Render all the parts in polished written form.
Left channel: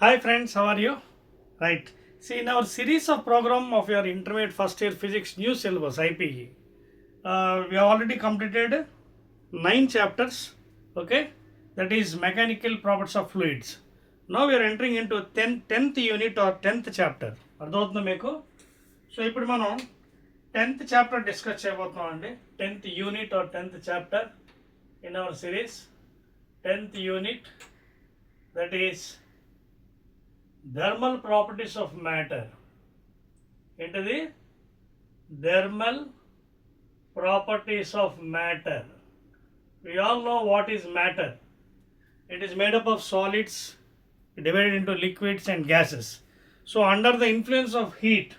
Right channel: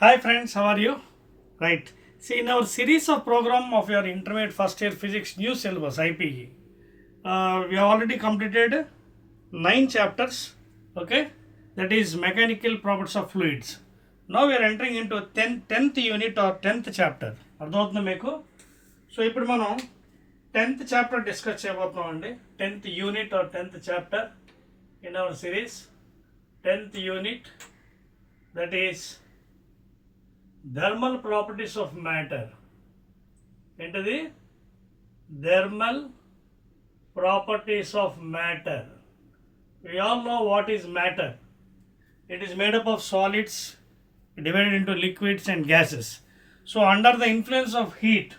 Hi friends, how are you? Right. See, in our series of program of your intermediate first year physics new syllabus IPE, we have already completed 9 chapters. Okay, that is mechanical properties of fluids. Now we are entering into 10th unit or 10th chapter. అర్థమవుతుందా మీకు? So ఇప్పుడు మనం 10th chapter discuss చేయబోతున్నాం అండి. 10th unit or 10th chapter in our series. 10th unit, that is thermal properties of matter. ఏంటది? Thermal properties of matter. We all know what is matter. It is made up of solids divided into liquids and gases. So under the influence of heat,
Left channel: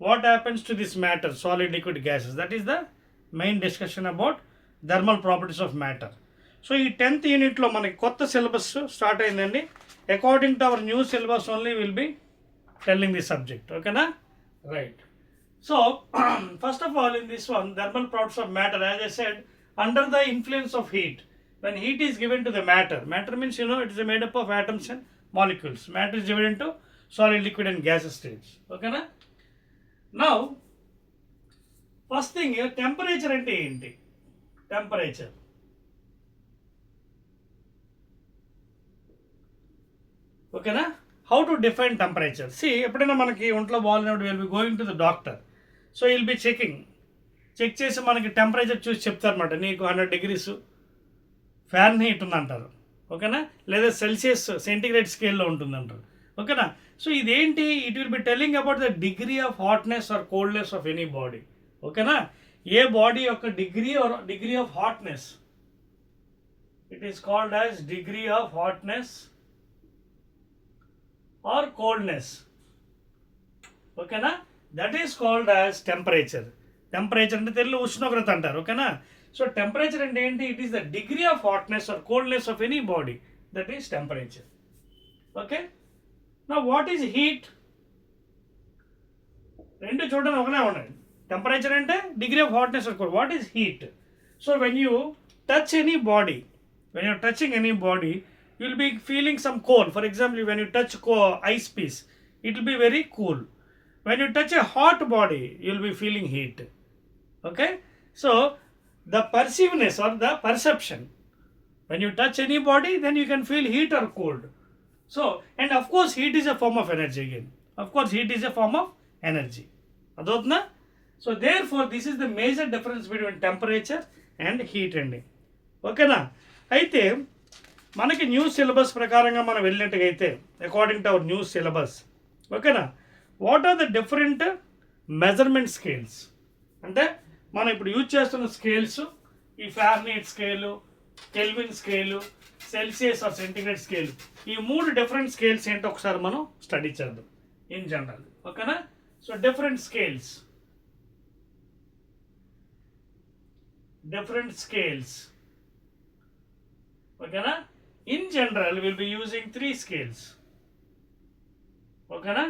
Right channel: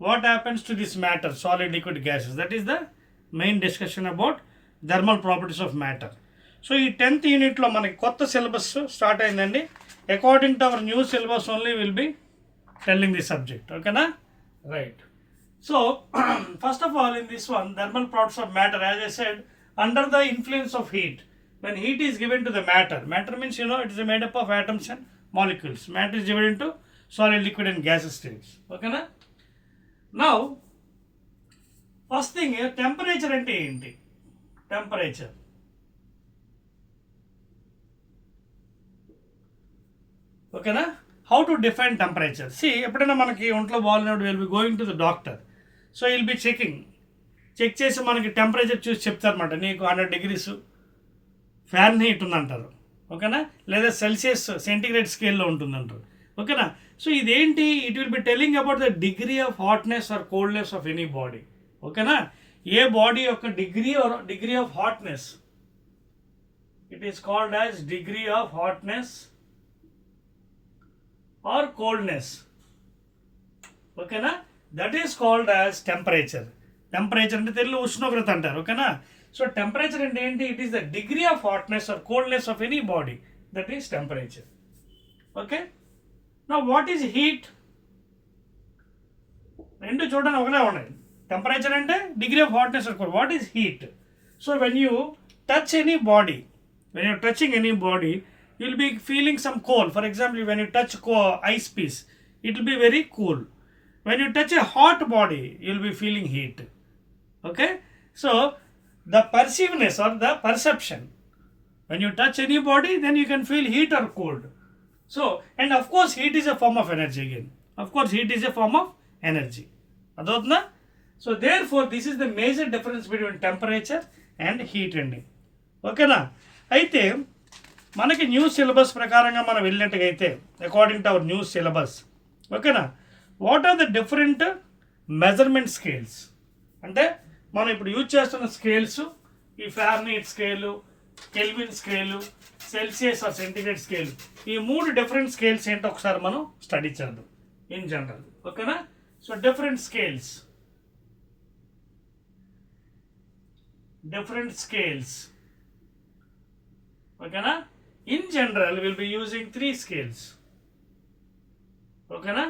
what happens to this matter, solid, liquid, gases? That is the main discussion about thermal properties of matter. So ఈ 10th యూనిట్లో మనకి కొత్త syllabus start అయిందండి. According to our new syllabus only will be telling the subject. ఓకేనా? Right. So first of all in this one, thermal properties of matter, as I said, under the influence of heat, when heat is given to the matter means, it is made up of atoms and molecules. Matter is divided into solid, liquid and gaseous states. Okay na? Now first thing here, temperature ante enti? Temperature, okay na? How to define temperature? See, ఎప్పుడైనా మనకి ఒంట్లో బాగాలేనప్పుడు will be going to the doctor. So will be check చేసి మనకి temperature చూసి చెప్తారన్నమాట. నీకు 100 degrees ఫ్యారెన్హీట్ ఉందంటారు. ఓకేనా? లేదా సెల్సియస్ సెంటిగ్రేడ్ స్కేల్లో ఉంటుందంటారు. ఓకేనా? సో ఇదేంటి? It will be telling about the degree of hotness or coldness of any body. ఓకేనా? ఏ బాడీ యొక్క degree of hotness, it is called as degree of hotness or coldness. ఓకేనా? That is called as temperature. Temperature అంటే తెలుగు ఉష్ణోగ్రత అంటారు. ఓకేనా? So temperature అంటే ఏంటి? It is the degree of hotness or coldness of any body. That is temperature. Okay. నా what is heat? రెండు చూడడానికి ఒకనే ఉన్నాయి. టెంపరేచర్ అంటే degree of hotness or cold. What is heat? So when you touch any body, when you're touching any body, you will be feeling some cold. For example, when you touch ice piece, it will be very cool. When you touch a hot body, you will be feeling heat. Okay? So the perceiveness or the perception, when you touch any body, then you can feel heat or cold. So, and of course heat is a form of energy again. Of course heat is a form of energy. Adotna? So therefore this is the major difference between temperature and heat ending. Okay na? అయితే మనకి new syllabus ప్రకారంగా మనం వెళ్ళినట్టుగా అయితే, according to our new syllabus, ఓకేనా, what are the different measurement scales? అంటే మనం ఇప్పుడు యూజ్ చేస్తున్న స్కేల్స్, ఈ Fahrenheit scale, Kelvin scale, Celsius or centigrade scale, ఈ 3 డిఫరెంట్ స్కేల్స్ ఏంటో ఒకసారి మనం స్టడీ చేద్దాం ఇన్ జనరల్. ఓకేనా? సో డిఫరెంట్ స్కేల్స్, ఓకేనా? In general, we will be using 3 scales. Okay na?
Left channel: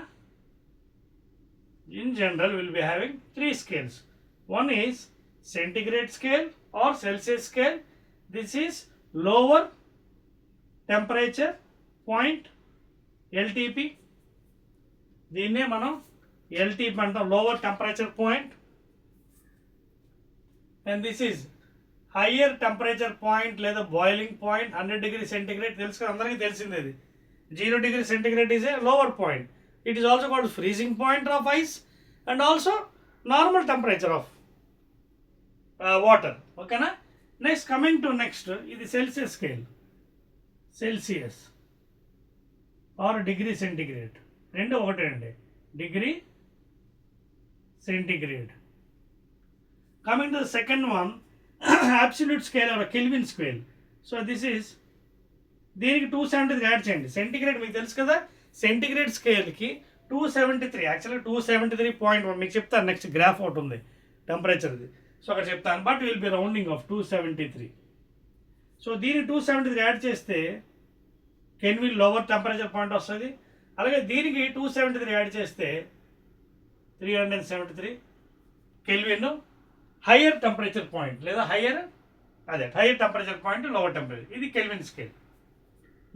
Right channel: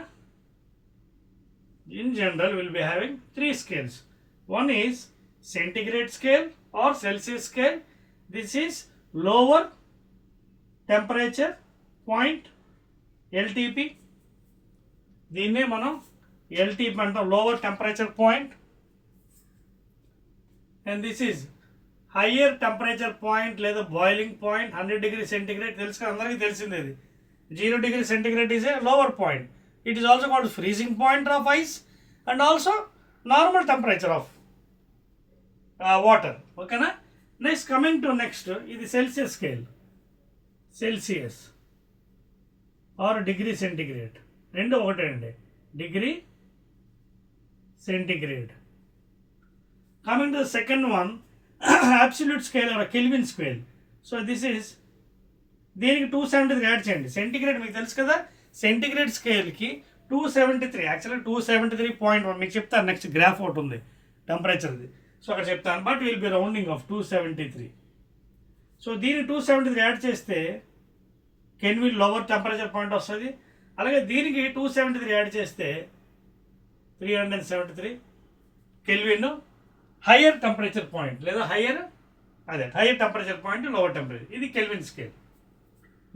In general, we will be having 3 scales. One is centigrade scale or Celsius scale. This is lower temperature point, LTP. దీన్నే మనం LTP అంటాం, lower temperature point. And this is higher temperature point లేదా boiling point. 100 degrees centigrade తెలుసు కదా, అందరికీ తెలిసింది. అది 0 degrees centigrade is a lower point. It is also called freezing point of ice and also normal temperature of water. ఓకేనా? Next coming to next, ఇది Celsius scale, Celsius are degree centigrade, రెండు ఒకటే అండి, degree centigrade. Coming to the second one, absolute scale or a Kelvin scale. So this is, దీనికి 273 add చేయండి. Centigrade మీకు తెలుసు కదా, సెంటిగ్రేడ్ స్కేల్కి 273, యాక్చువల్గా 273.1 మీకు చెప్తాను. నెక్స్ట్ గ్రాఫ్ ఒకటి ఉంది టెంపరేచర్ది, సో అక్కడ చెప్తాను. But will be rounding off 273. So దీనికి 273 యాడ్ చేస్తే కెల్విన్ లోవర్ టెంపరేచర్ పాయింట్ వస్తుంది. అలాగే దీనికి 273 యాడ్ చేస్తే 373 కెల్విన్ హయ్యర్ టెంపరేచర్ పాయింట్, లేదా higher temperature point, lower temperature. ఇది కెల్విన్ స్కేల్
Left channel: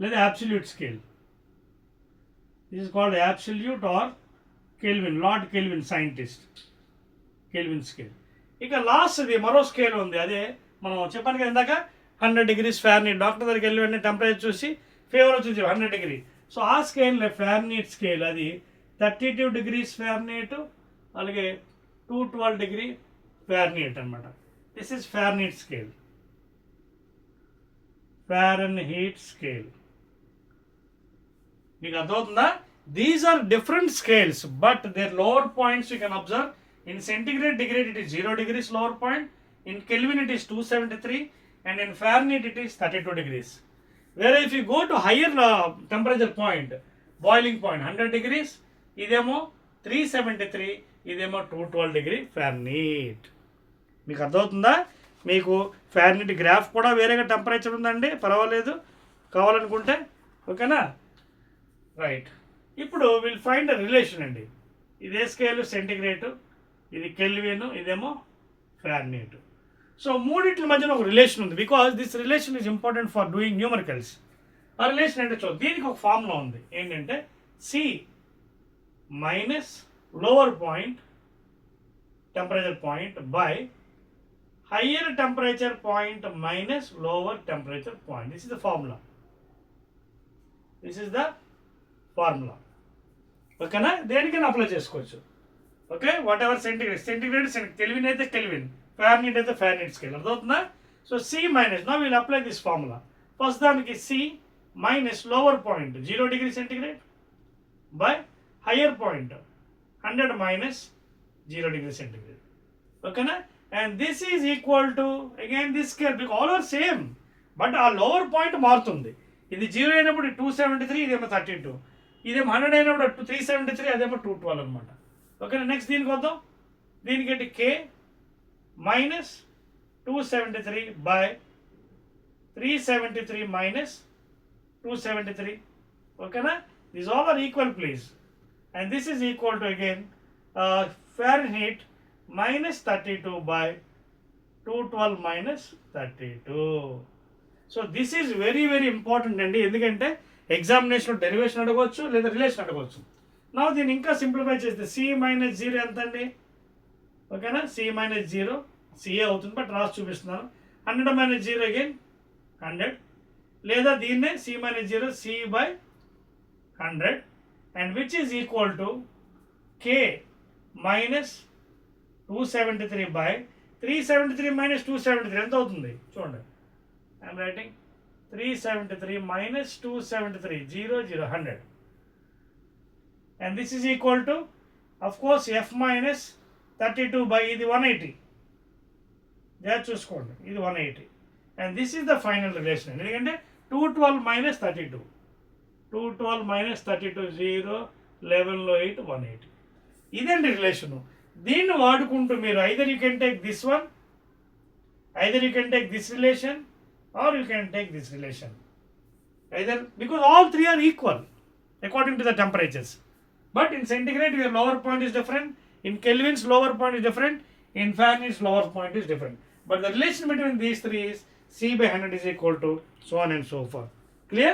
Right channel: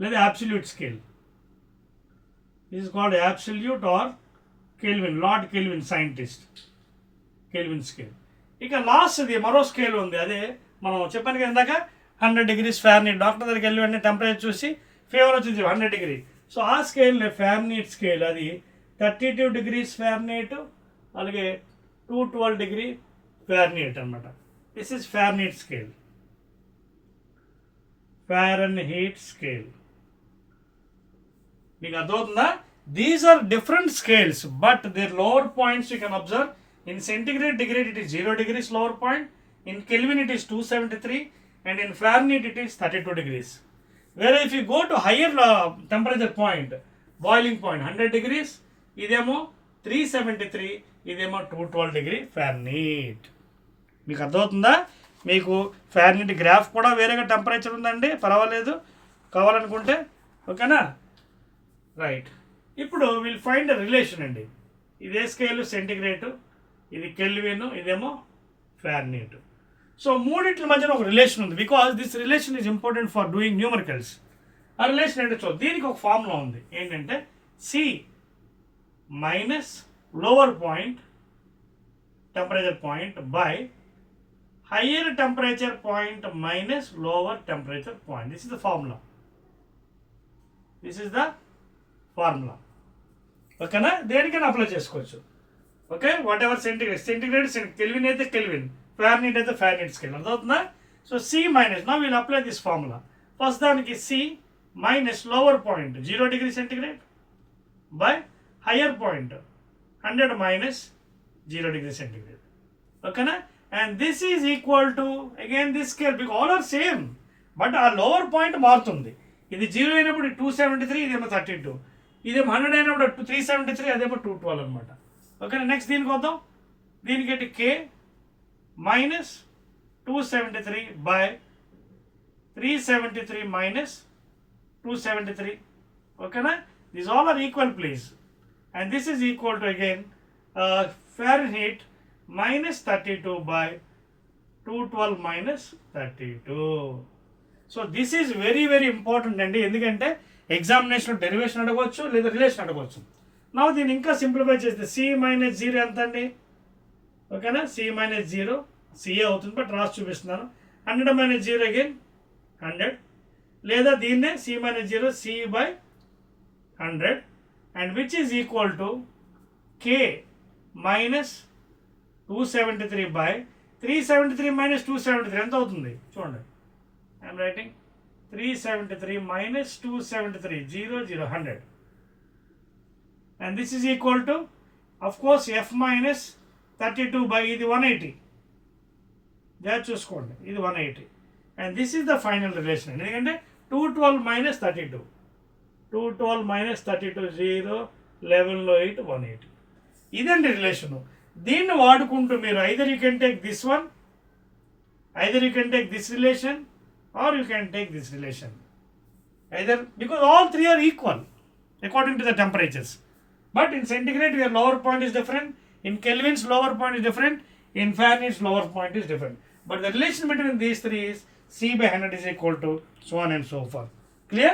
లేదా absolute scale. This is called absolute or Kelvin, Lord Kelvin scientist. Kelvin scale. ఇక లాస్ట్ది మరో స్కేల్ ఉంది, అదే మనం చెప్పాను కదా ఇందాక 100 degrees Fahrenheit. డాక్టర్ దగ్గరికి వెళ్ళి వెంటనే టెంపరేచర్ చూసి ఫీవర్ వచ్చింది 100 degree. సో ఆ స్కేల్ Fahrenheit స్కేల్, అది 32 degrees Fahrenheit అలాగే 212 degree Fahrenheit అనమాట. This is Fahrenheit scale. Fahrenheit scale మీకు అర్థమవుతుందా? These are different scales but their lower points you can observe. In centigrade degree it is 0 degrees lower point, in Kelvin it is 273, and in Fahrenheit it is 32 degrees. Whereas if you go to higher temperature point, boiling point 100 degrees, idemo 373, idemo 212 degree Fahrenheit. మీకు అర్థమవుతుందా? మీకు Fahrenheit graph కూడా వేరేగా temperature ఉందండి, పర్వాలేదు కావాలనుకుంటే, ఓకేనా? Right, ఇప్పుడు విల్ ఫైండ్ రిలేషన్ అండి. ఇదే స్కేల్ సెంటిగ్రేడ్, ఇది కెల్విన్, ఇదేమో Fahrenheit. సో మూడింటి మధ్యన ఒక రిలేషన్ ఉంది, because this relation is important for doing numericals. ఆ రిలేషన్ ఏంటో చూద్దాం. దీనికి ఒక ఫార్ములా ఉంది, ఏంటంటే C minus lower point temperature point by higher temperature point minus lower temperature point. This is the formula. This is the formula. ఓకేనా? దేనికైనా apply చేసుకోవచ్చు. Okay, whatever centigrade Kelvin అయితే కెల్విన్, Fahrenheit అయితే Fahrenheit scale. అర్థమవుతుందా? So C minus, now will apply this formula. First దానికి C minus lower point 0 degree centigrade by higher point 100 minus 0 degree centigrade. ఓకేనా? And this is equal to again this scale, because all are same but ఆ lower point మారుతుంది. ఇది 0 అయినప్పుడు 273, ఇదేమో 32, ఇదేమో 100 అయినప్పుడు 373, అదేమో 212 అనమాట. ఓకేనా? నెక్స్ట్ దీనికి వద్దాం. దీనికి కే మైనస్ 273 బై 373 మైనస్ 273. ఓకేనా? These all are equal please. And this is equal to again Fahrenheit minus 32 by 212 minus 32. So this is very very important అండి, ఎందుకంటే ఎగ్జామినేషన్ డెరివేషన్ అడగవచ్చు లేదా రిలేషన్ అడగవచ్చు. నా దీన్ని ఇంకా సింప్లిఫై చేస్తే సి మైనస్ 0 ఎంత అండి? ఓకేనా? సి మైనస్ 0 సిఏ అవుతుంది, బట్ రాసి చూపిస్తున్నాను. 100 minus 0 అగైన్ 100, లేదా దీన్నే C minus 0 C by 100, and which is equal to K minus 273 by 373 minus 273 ఎంత అవుతుంది చూడండి. I'm writing 373 minus 273, 0 0 100. And this is equal to, of course, f minus 32 by ఇది 180. There చూసుకోండి, ఇది 180. And this is the final relation. ఎందుకంటే 212 minus 32, 212 minus 32, 0 11లో 8 180. ఇదండి relation. దీన్ని వాడుకుంటూ మీరు either you can take this one, either you can take this relation, or you can take this relation. Either, because all three are equal according to the temperatures. But in centigrade, your lower point is different. In Kelvin's lower point is different. In Fahrenheit's lower point is different. But the relation between these three is C by 100 is equal to so on and so forth. Clear?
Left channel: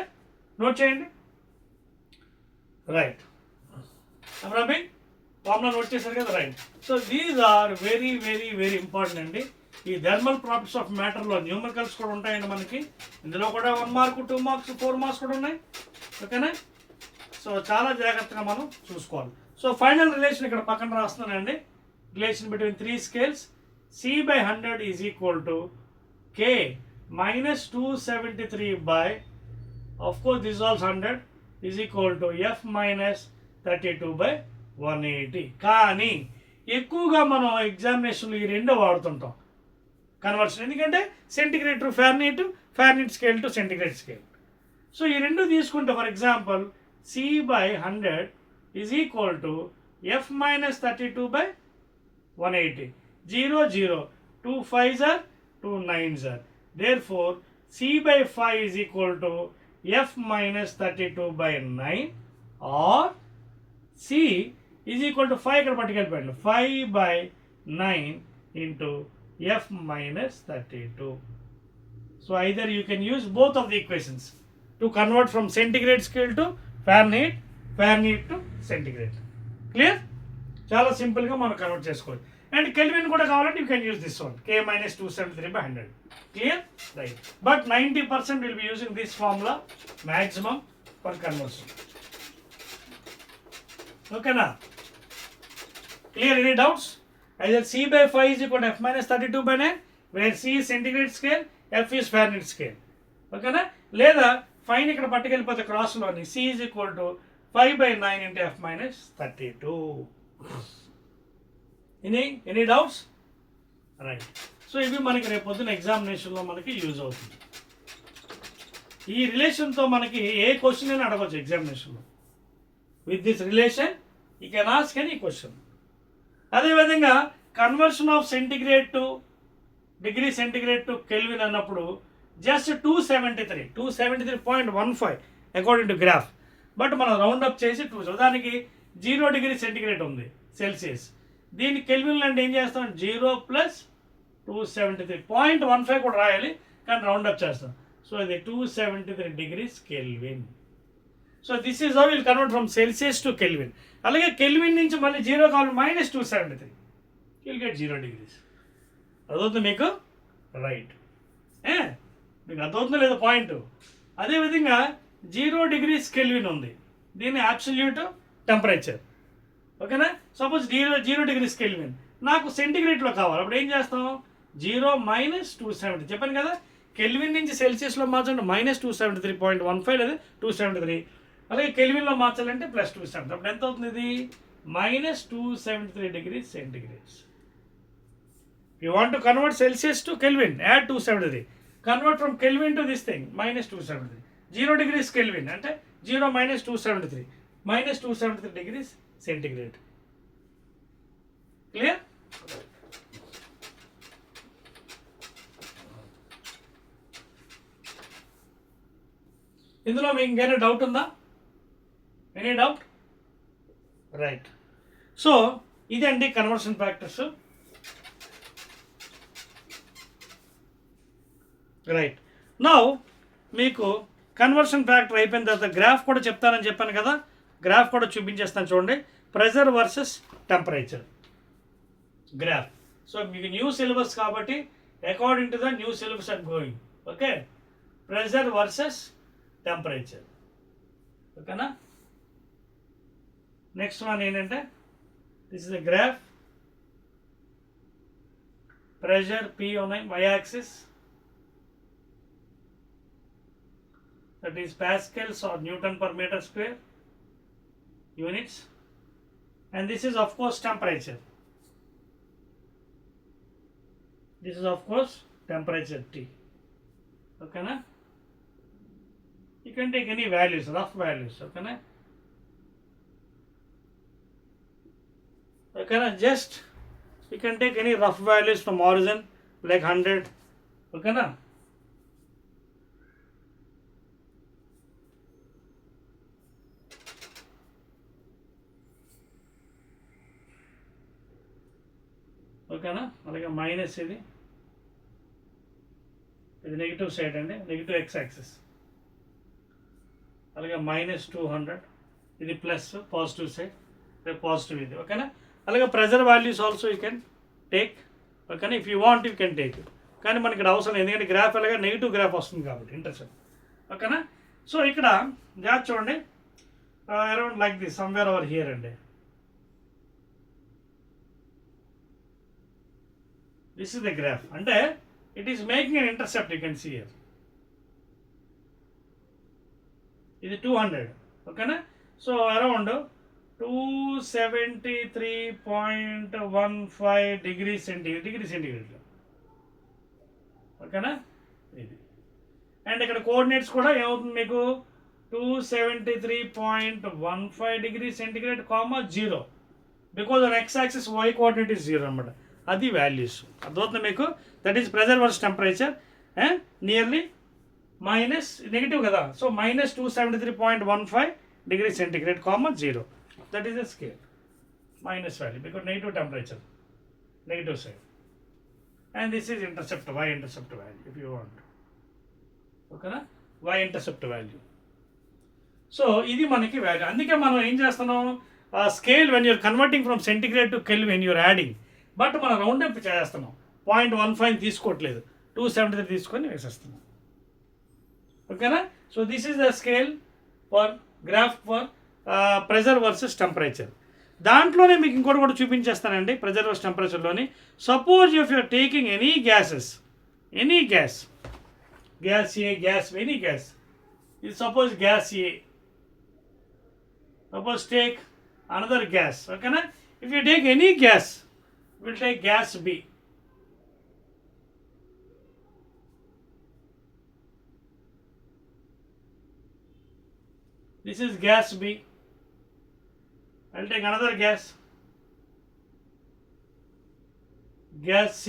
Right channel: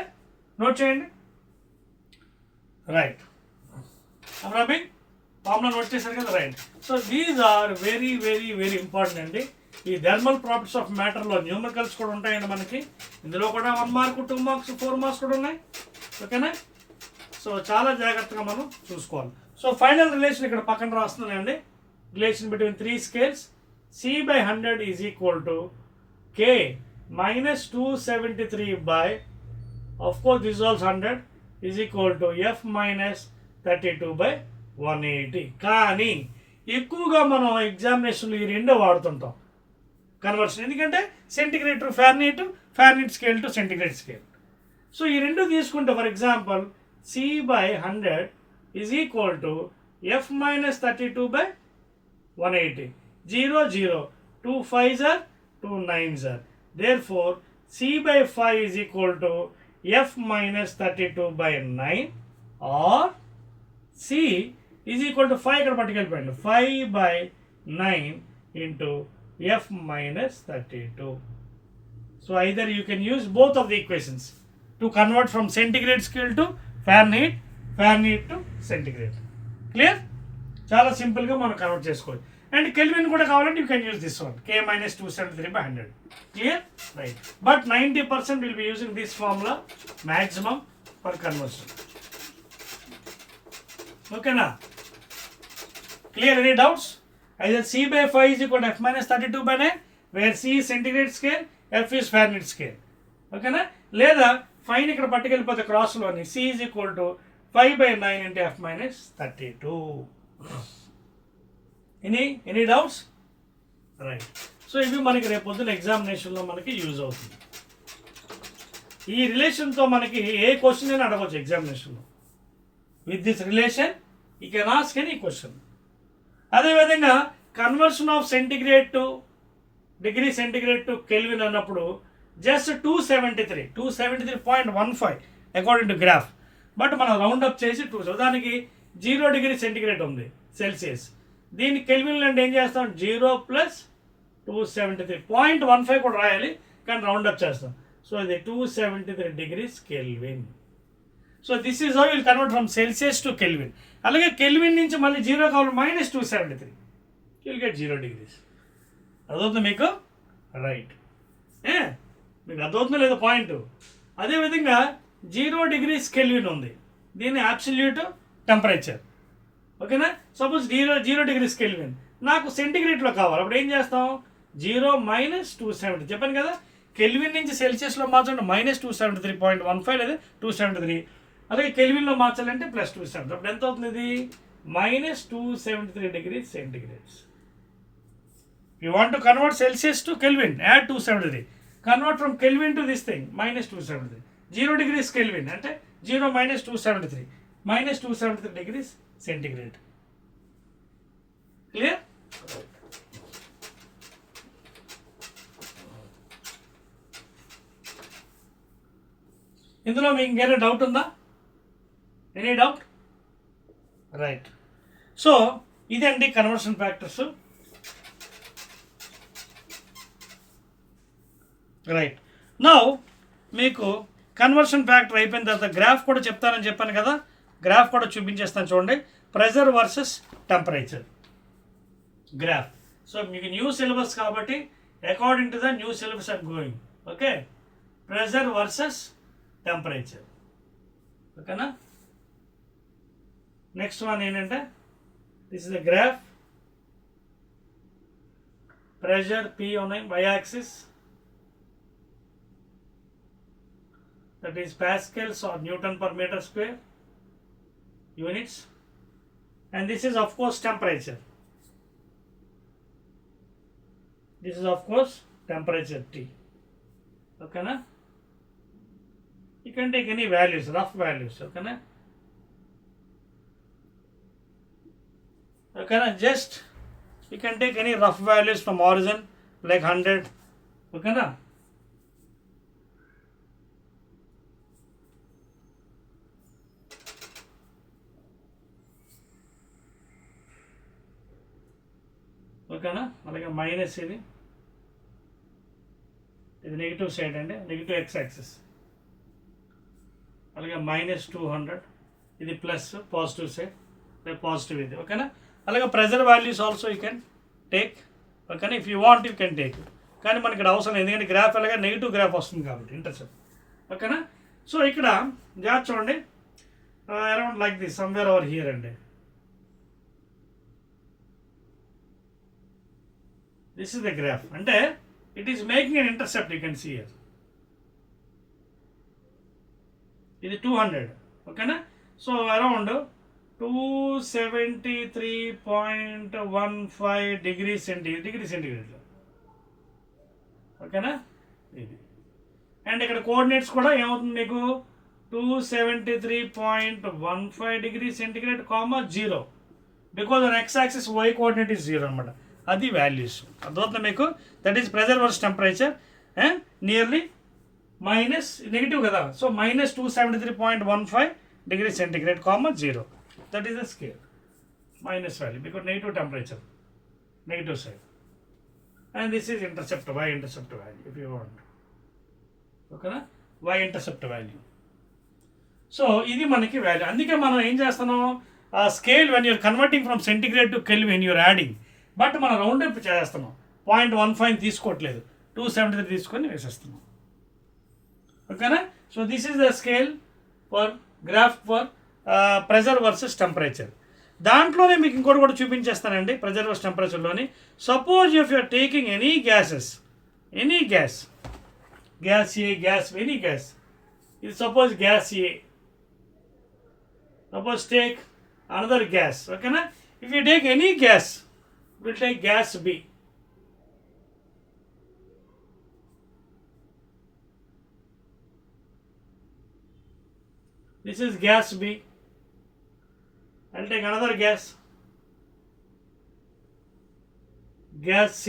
No change? Right. I'm rubbing. Formula note చేశారు కదా, right. So these are very very very important అండి. ఈ thermal properties of మ్యాటర్లో numericals కూడా ఉంటాయండి మనకి. ఇందులో కూడా 1 mark 2 marks 4 marks కూడా ఉన్నాయి. ఓకేనా? సో చాలా జాగ్రత్తగా మనం చూసుకోవాలి. సో ఫైనల్ రిలేషన్ ఇక్కడ పక్కన రాస్తున్నానండి. Relation between 3 scales. C by 100 is equal to K minus 273 by, of course this is also 100, is equal to F minus 32 by 180. కానీ ఎక్కువగా మనం ఎగ్జామినేషన్లో ఈ రెండో వాడుతుంటాం కన్వర్షన్, ఎందుకంటే centigrade to Fahrenheit, Fahrenheit scale to centigrade scale. So ఈ రెండు తీసుకుంటే for example C by 100 is equal to F minus 32 by 180. 0 0, 2 5s are 2 9s are. Therefore, C by 5 is equal to F minus 32 by 9, or C is equal to 5 ఇక్కడ పట్టుకెళ్ళిపోయింది 5 by 9 into F minus 32. So either you can use both of the equations to convert from centigrade scale to Fahrenheit Fahrenheit to centigrade. Clear? చాలా సింపుల్గా మనం convert చేసుకోవచ్చు. And kelvin కూడా కావాలంటే you can use this one K minus 273/100. Clear? Right. But 90% will be using this formula maximum for conversion. Okay na? Clear? Any doubts? Either C/5 is equal to F minus 32/9, where C is centigrade scale, F is Fahrenheit scale. Okay na? లేదా fine ఇక్కడ పట్టుకెళ్ళిపోతే క్రాస్లోని C is equal to 5/9 into F minus 32. Any doubts? Right. So ఇవి మనకి రేపు పొద్దున ఎగ్జామినేషన్లో మనకి use అవుతుంది. ఈ రిలేషన్తో మనకి ఏ క్వశ్చన్ అయినా అడగవచ్చు ఎగ్జామినేషన్లో. With this relation you can ask any question. అదేవిధంగా conversion of centigrade to degree centigrade to kelvin అన్నప్పుడు just 273.15 according to graph. But మనం రౌండ్ అప్ చేసి 2, దానికి 0 డిగ్రీ సెంటిగ్రేడ్ ఉంది సెల్సియస్. దీన్ని కెల్విన్లో అంటే ఏం చేస్తాం, 0 + 273.15 కూడా రాయాలి, కానీ రౌండ్ అప్ చేస్తాం. సో ఇది 273 degrees kelvin. So this is how will convert from Celsius to kelvin. అలాగే కెల్విన్ నుంచి మళ్ళీ 0 కావాలి, -273, విల్ గెట్ 0 degrees. అదవుతుంది మీకు? రైట్. మీకు అదవుతుందో లేదో పాయింట్. అదేవిధంగా 0 degrees కెల్విన్ ఉంది, దీన్ని అబ్సల్యూట్ టెంపరేచర్. ఓకేనా? సపోజ్ 0 degrees కెల్విన్ నాకు సెంటిగ్రేడ్లో కావాలి, అప్పుడు ఏం చేస్తాం, 0 - 270. చెప్పాను కదా, కెల్విన్ నుంచి సెల్సియస్లో మార్చాలంటే -273.15 లేదా 273. అలాగే కెల్విన్లో మార్చాలంటే +270. అప్పుడు ఎంత అవుతుంది? ఇది -273 degrees centigrade. You want to convert Celsius to Kelvin, add 273. Convert from Kelvin to this thing, -273. 0 degrees Kelvin అంటే 0 - 273, -273 degrees centigrade. Clear? ఇందులో మీకు ఇంకేమైనా డౌట్ ఉందా? Any doubt? రైట్. సో ఇదండి కన్వర్షన్ ఫ్యాక్టర్స్. రైట్. నౌ మీకు కన్వర్షన్ ఫ్యాక్టర్ అయిపోయిన తర్వాత graph కూడా చెప్తానని చెప్పాను కదా, గ్రాఫ్ కూడా చూపించేస్తాను చూడండి. Pressure versus temperature graph. So మీకు న్యూ సిలబస్ కాబట్టి according to the new syllabus I'm going. Okay, pressure versus temperature. ఓకేనా? నెక్స్ట్ వన్ ఏంటంటే this is the graph. Pressure P ఉన్నాయి y axis, that is pascals or Newton per meter square units, and this is of course temperature. This is of course temperature T. Okay na? You can take any values, rough values. Okay na? Okay na? Just you can take any rough values from origin like 100. Okay na? ఓకేనా? అలాగే minus ఇది negative side అండి, negative x axis. అలాగే -200, ఇది plus positive side, positive ఇది. ఓకేనా? అలాగే pressure values also you can take. ఓకేనా? If you want you can take, కానీ మనకి ఇక్కడ అవసరం, ఎందుకంటే గ్రాఫ్ అలాగే నెగిటివ్ గ్రాఫ్ వస్తుంది కాబట్టి ఇంటర్సెప్ట్. ఓకేనా? సో ఇక్కడ జాగ్రత్త చూడండి, around like this somewhere over here అండి. This is the graph. And it is making an intercept, you can see here. It is 200. Okay na? So around 273.15 degrees centigrade. Okay na? And ఇక్కడ coordinates కూడా ఏమవుతుంది మీకు, 273.15 degrees centigrade, 0, because on x axis y coordinate is 0 అనమాట. అది values అర్థమవుతుంది మీకు. That is pressure versus temperature. Nearly minus negative కదా, so -273.15 degrees centigrade, 0. That is the scale minus value because negative temperature, negative side. And this is intercept, y intercept value if you want. ఓకేనా? y intercept value. So ఇది మనకి value. అందుకే మనం ఏం చేస్తున్నాం, scale when you're converting from centigrade to kelvin you're adding, but మనం round up చేస్తున్నాం. 0.15 తీసుకోవట్లేదు, 273 తీసుకొని వేసేస్తున్నాం. ఓకేనా? So this is the scale for graph for pressure versus temperature. దాంట్లోనే మీకు ఇంకోటి కూడా చూపించేస్తానండి. ప్రెజర్ వర్సెస్ టెంపరేచర్లోని suppose if you're taking any gases, any gas, gas A, gas any gas, ఇది suppose gas A, suppose take another gas. Okay na? If you take any gas, we'll take gas B. This is gas B. I'll take another gas, gas C.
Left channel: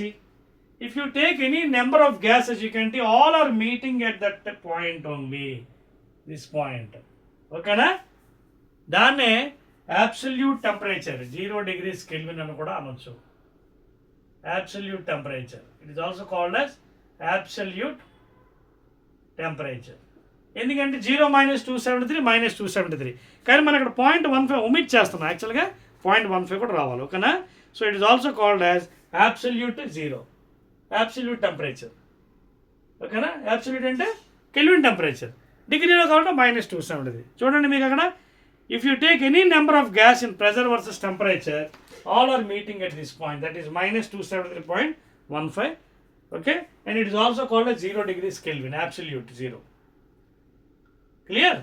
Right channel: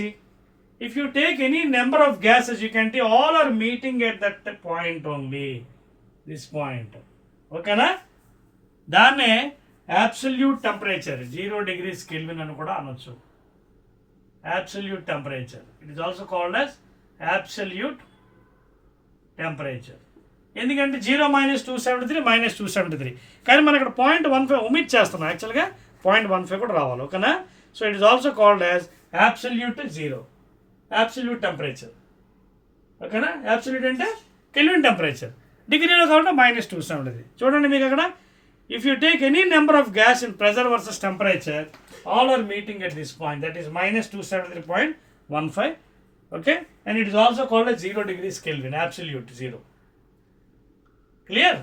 If you take any number of gases, you can see all are meeting at that point only, this point. Okay na? దాన్నే absolute temperature, 0 degrees Kelvin అని కూడా అనొచ్చు. Absolute temperature, it is also called as absolute temperature. ఎందుకంటే 0 - 273 - 273, కానీ మనం ఇక్కడ 0.15 omit చేస్తున్నాం. యాక్చువల్గా 0.15 కూడా రావాలి. ఓకేనా? So it is also called as absolute 0, absolute temperature. ఓకేనా? అబ్సల్యూట్ అంటే కెల్విన్ టెంపరేచర్, డిగ్రీలో కావాలంటే -273. చూడండి మీకు అక్కడ, if you take any number of gas in pressure versus temperature, all are meeting at this point, that is -273.15. Okay, and it is also called as 0 degrees Kelvin, absolute 0. Clear?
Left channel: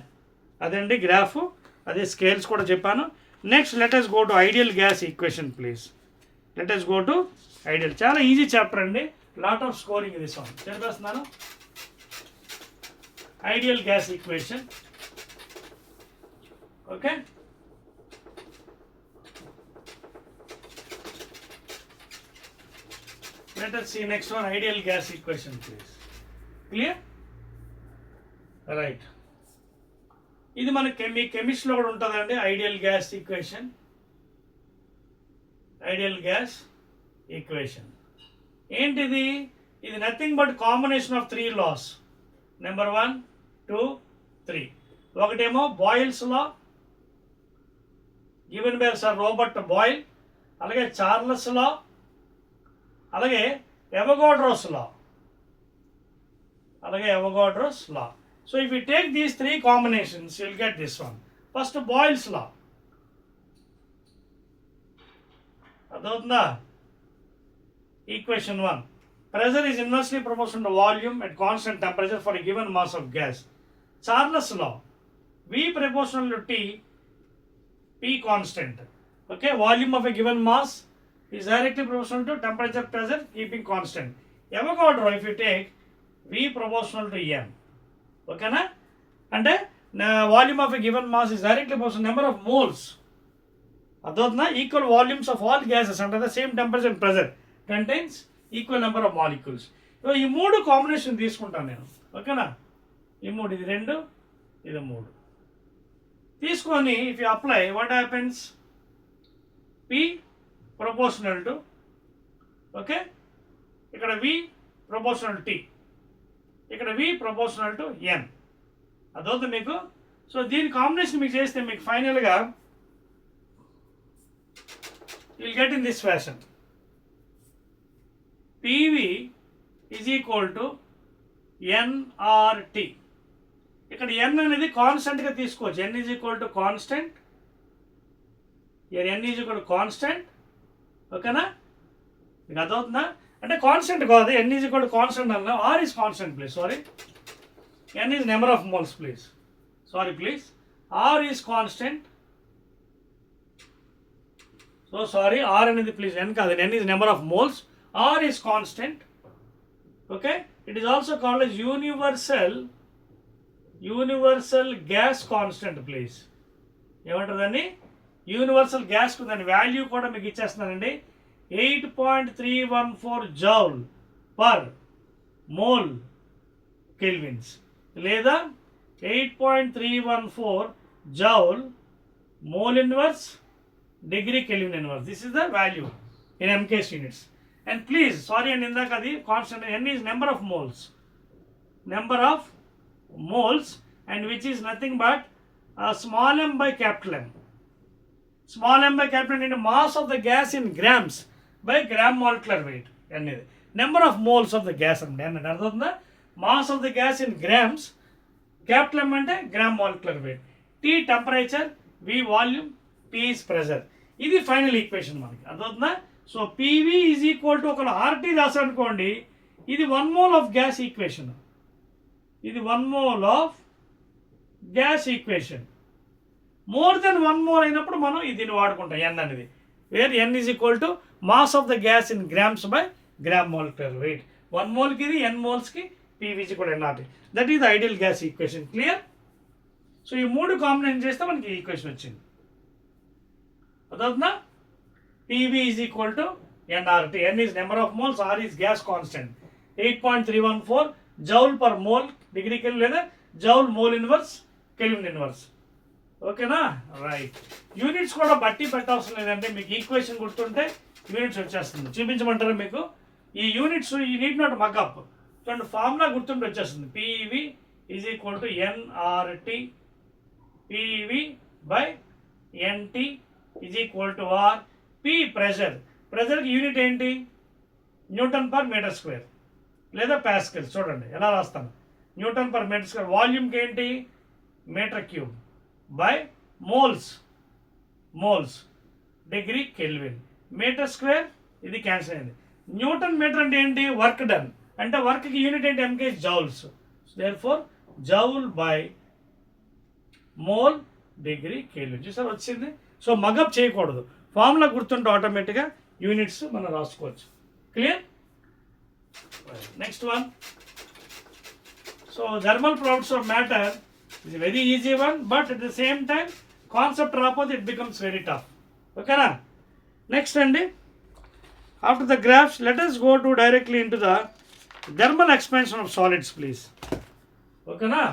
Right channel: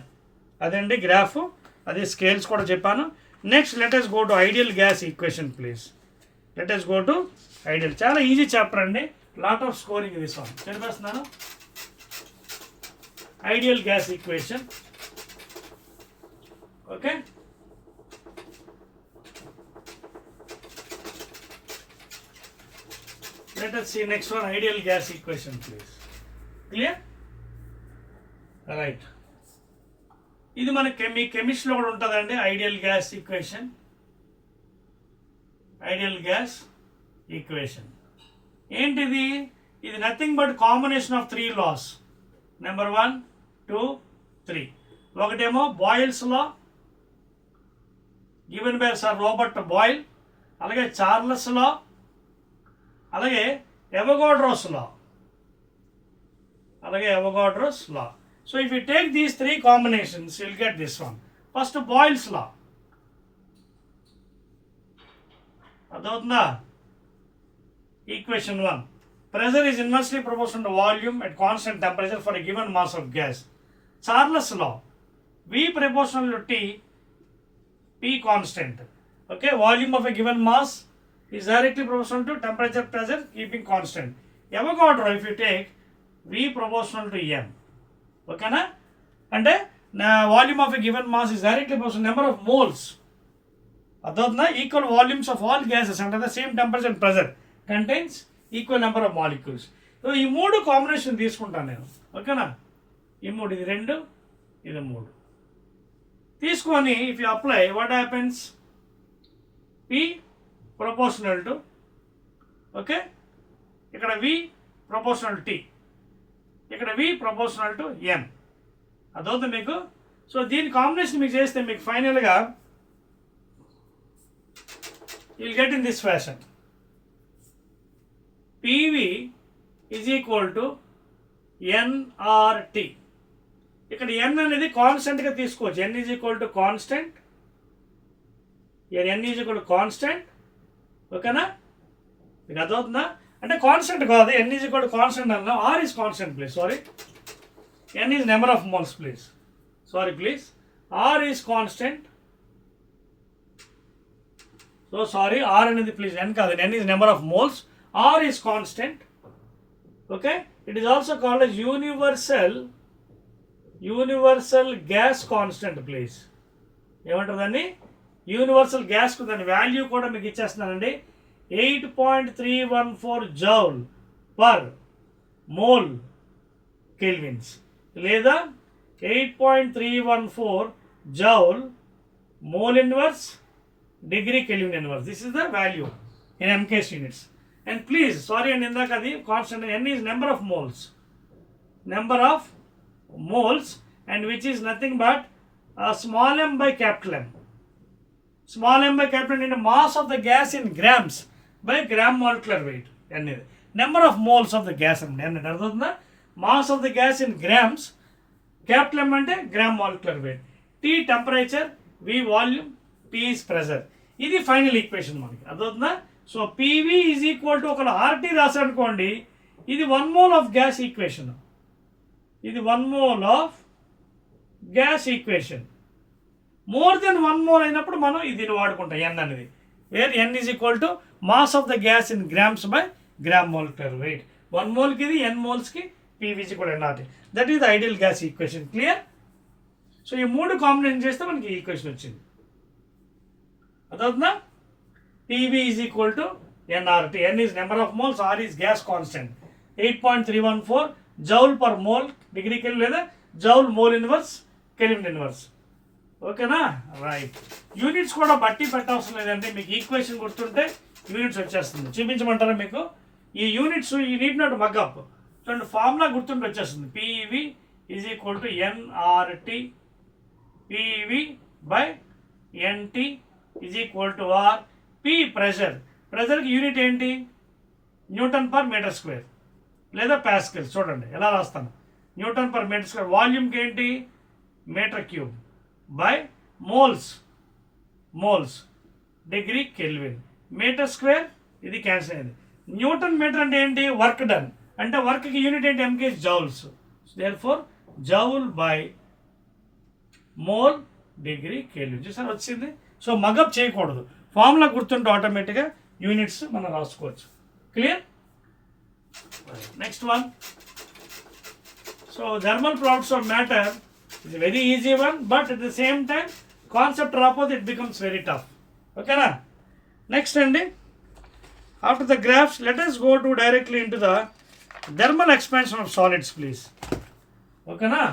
అదండి graph, అదే scales కూడా చెప్పాను. Next let us go to ideal gas equation please. Let us go to ideal. చాలా easy chapter అండి, lot of scoring this one. చెప్పేస్తున్నాను. Ideal gas equation. Okay, let us see next one, ideal gas equation please. Clear? Right, ఇది మన కెమిస్ట్రీలో కూడా ఉంటుందండి. Ideal gas equation, ideal gas equation ఏంటిది? ఇది nothing but combination of 3 laws. Number 1, 2, 3. ఒకటేమో Boyle's law, given by sir Robert Boyle, అలాగే Charles law, అలాగే అవగాడ్రోస్ లా, అలాగే Avogadro's law. So if you take these 3 combinations, you will get this one. First Boyle's law, అర్థమవుతుందా? Equation 1, pressure is inversely proportional to volume at constant temperature for a given mass of gas. Charles law, V proportional to T, P constant. Okay, volume of a given mass is directly proportional to temperature, pressure, keeping constant. Avogadro, if you take V proportional to M. Okay na? And volume of a given mass is directly proportional to number of moles. Adotna, equal volumes of all gases under the same temperature and pressure contains equal number of molecules. So ఈ 3 combination తీసుకుంటాను నేను. ఓకేనా? ఈ 3, ఇది 2, ఇది 3 తీసుకొని if you apply, what happens? P proportional to, okay, ఇక్కడ V proportional T, ఇక్కడ V ప్రపోర్షనల్ టు M. అదవుతుంది మీకు. సో దీని కాంబినేషన్ మీకు చేస్తే మీకు ఫైనల్గా you will get in this fashion. PV is equal to NRT. ఇక్కడ n అనేది కాన్స్టెంట్గా తీసుకోవచ్చు. n is equal to constant, n is equal to constant. ఓకేనా? మీకు అర్థమవుతుందా? అంటే కాన్స్టెంట్ కాదు, n is equal to constant అన్నా. R is constant please, sorry, n is number of moles please, sorry please. R is constant, so sorry, R అనేది please n కాదు, n is number of moles. R is constant. Okay, it is also called as universal gas constant please. ఏమంటుందండి? Universal గ్యాస్కు దాని value కూడా మీకు ఇచ్చేస్తున్నానండి. 8.314 joule per mole kelvins, లేదా 8.314 joule mole inverse degree kelvin inverse. This is the value in MKS units. And please, sorry అండి, ఇందాక అది constant. n is number of moles, and which is nothing but small m by capital M. Small m by capital M into mass of the gas in grams by gram molecular weight. Number of moles of the gas and mass of the gas in grams, capital M ante gram molecular weight. T temperature, V volume, P is pressure. ఇది final equation మనకి అర్థమవుతుందా. So PV is equal to ఒక RT రాసారనుకోండి, ఇది 1 mole of gas equation. ఇది 1 mole of gas equation. More than 1 mole అయినప్పుడు మనం ఇది వాడుకుంటాం ఎన్ అనేది, where N is equal to mass of the gas in grams by gram molecular weight. 1 moleకి ఇది, ఎన్ మోల్స్కి పీవీజీ కూడా NRT. That is the ideal gas equation. Clear. So ఈ 3 కాంబినేషన్ చేస్తే మనకి ఈక్వేషన్ వచ్చింది అర్థమవుతుందా. PV is equal to nRT. N is number of moles, R is gas constant. 8.314 joule per mole degree kelvin లేదా joule mole inverse kelvin inverse. ఓకేనా, right. Units కూడా బట్టి పెట్టవసరం లేదంటే మీకు ఈక్వేషన్ గుర్తుంటే యూనిట్స్ వచ్చేస్తుంది. చూపించమంటారా మీకు ఈ యూనిట్స్? ఈ నీడ్ నాట్ మగ్అప్. చూడండి, ఫార్ములా గుర్తుంటే వచ్చేస్తుంది. PV is equal to nRT, PV by nT is equal to R. P pressure, ప్రెషర్కి యూనిట్ ఏంటి? న్యూటన్ పర్ మీటర్ స్క్వేర్ లేదా ప్యాస్కల్. చూడండి ఎలా రాస్తాను, న్యూటన్ పర్ మీటర్ స్క్వేర్. వాల్యూమ్కి ఏంటి? Metre cube by moles, moles degree kelvin. Metre square ఇది cancel అయింది. న్యూటన్ మీటర్ అంటే ఏంటి? Work done. అంటే వర్క్కి యూనిట్ ఏంటి? MK joules. Therefore joule by mole degree kelvin. చూసారు వచ్చింది. సో మగప్ చేయకూడదు, ఫార్ములా గుర్తుంటే ఆటోమేటిక్గా యూనిట్స్ మనం రాసుకోవచ్చు. Clear. Next one. So thermal properties of matter is a very easy one, but at the same time concept రాకపోతే it becomes very tough. ఓకేనా. Next అండి, after the graphs let us go to directly into the thermal expansion of solids please. ఓకేనా,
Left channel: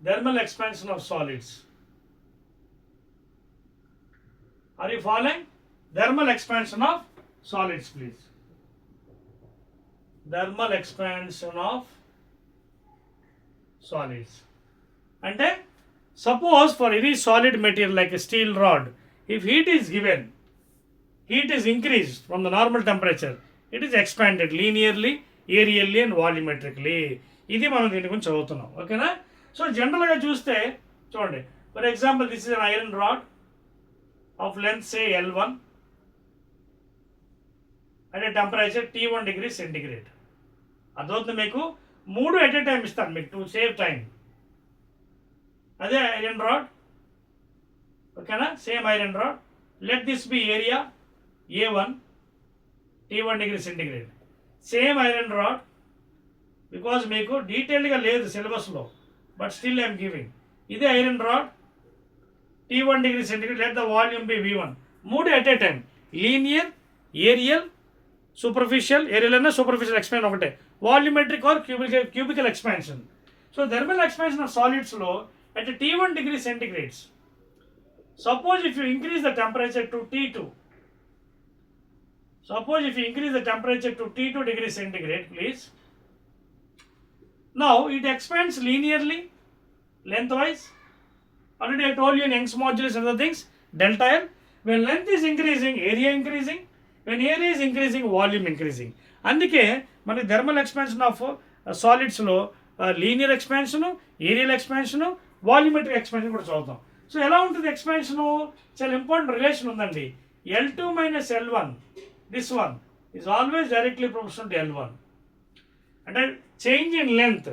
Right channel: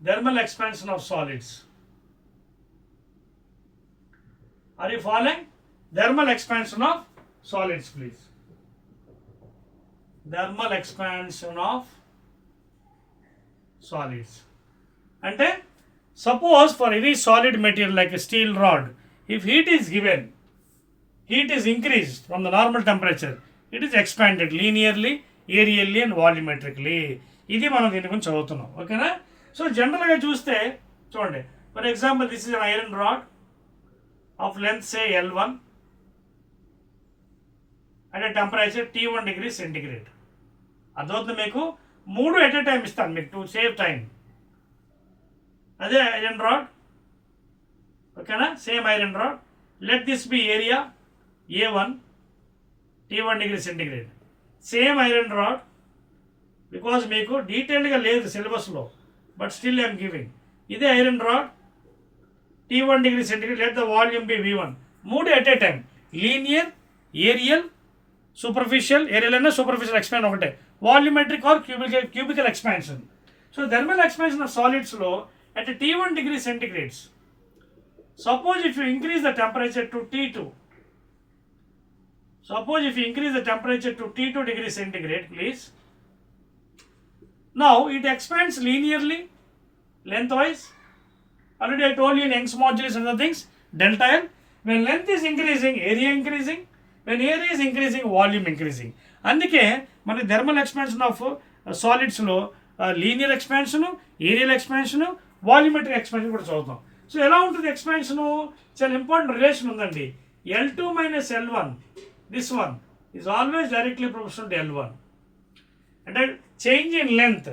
thermal expansion of solids. Are you following? Thermal expansion of solids please. Thermal expansion of solids. అంటే suppose for any solid material like a steel rod, if heat is given, heat is increased from the normal temperature, it is expanded linearly, aerially and volumetrically. ఇది మనం దీని గురించి చదువుతున్నాం. ఓకేనా. So జనరల్గా చూస్తే చూడండి, for example this is an iron rod of length say L1 at a temperature T1 degree centigrade. అర్థమవుతుంది మీకు? 3 ఎట్ ఎ టైం ఇస్తాను మీకు టు సేవ్ టైం. అదే ఐరన్ రాడ్. ఓకేనా, same iron rod. Let this be area A1 T1 degree centigrade. Same iron rod. Because మీకు డీటెయిల్డ్గా లేదు సిలబస్లో, బట్ స్టిల్ ఐఎమ్ గివింగ్. ఇదే iron rod T1 degree centigrade. Let the volume be V1. 3 at a time. Linear, areal, superficial. Areal అయినా superficial expansion ఒకటే. Volumetric or cubical expansion. So thermal expansion of సాలిడ్స్లో at T1 degree centigrades, suppose if you increase the temperature to T2, suppose if you increase the temperature to T2 degree centigrade please, now it expands linearly, lengthwise. Already I told you in Young's modulus and other things, delta L. When length is increasing, area increasing. When area is increasing, volume increasing. అందుకే మనకి thermal expansion of సాలిడ్స్లో linear expansion, areal expansion, volumetric expansion కూడా చదువుతాం. So ఎలా ఉంటుంది expansion? చాలా important relation ఉందండి. L2 minus L1, this one is always directly proportional to L1. అంటే change in length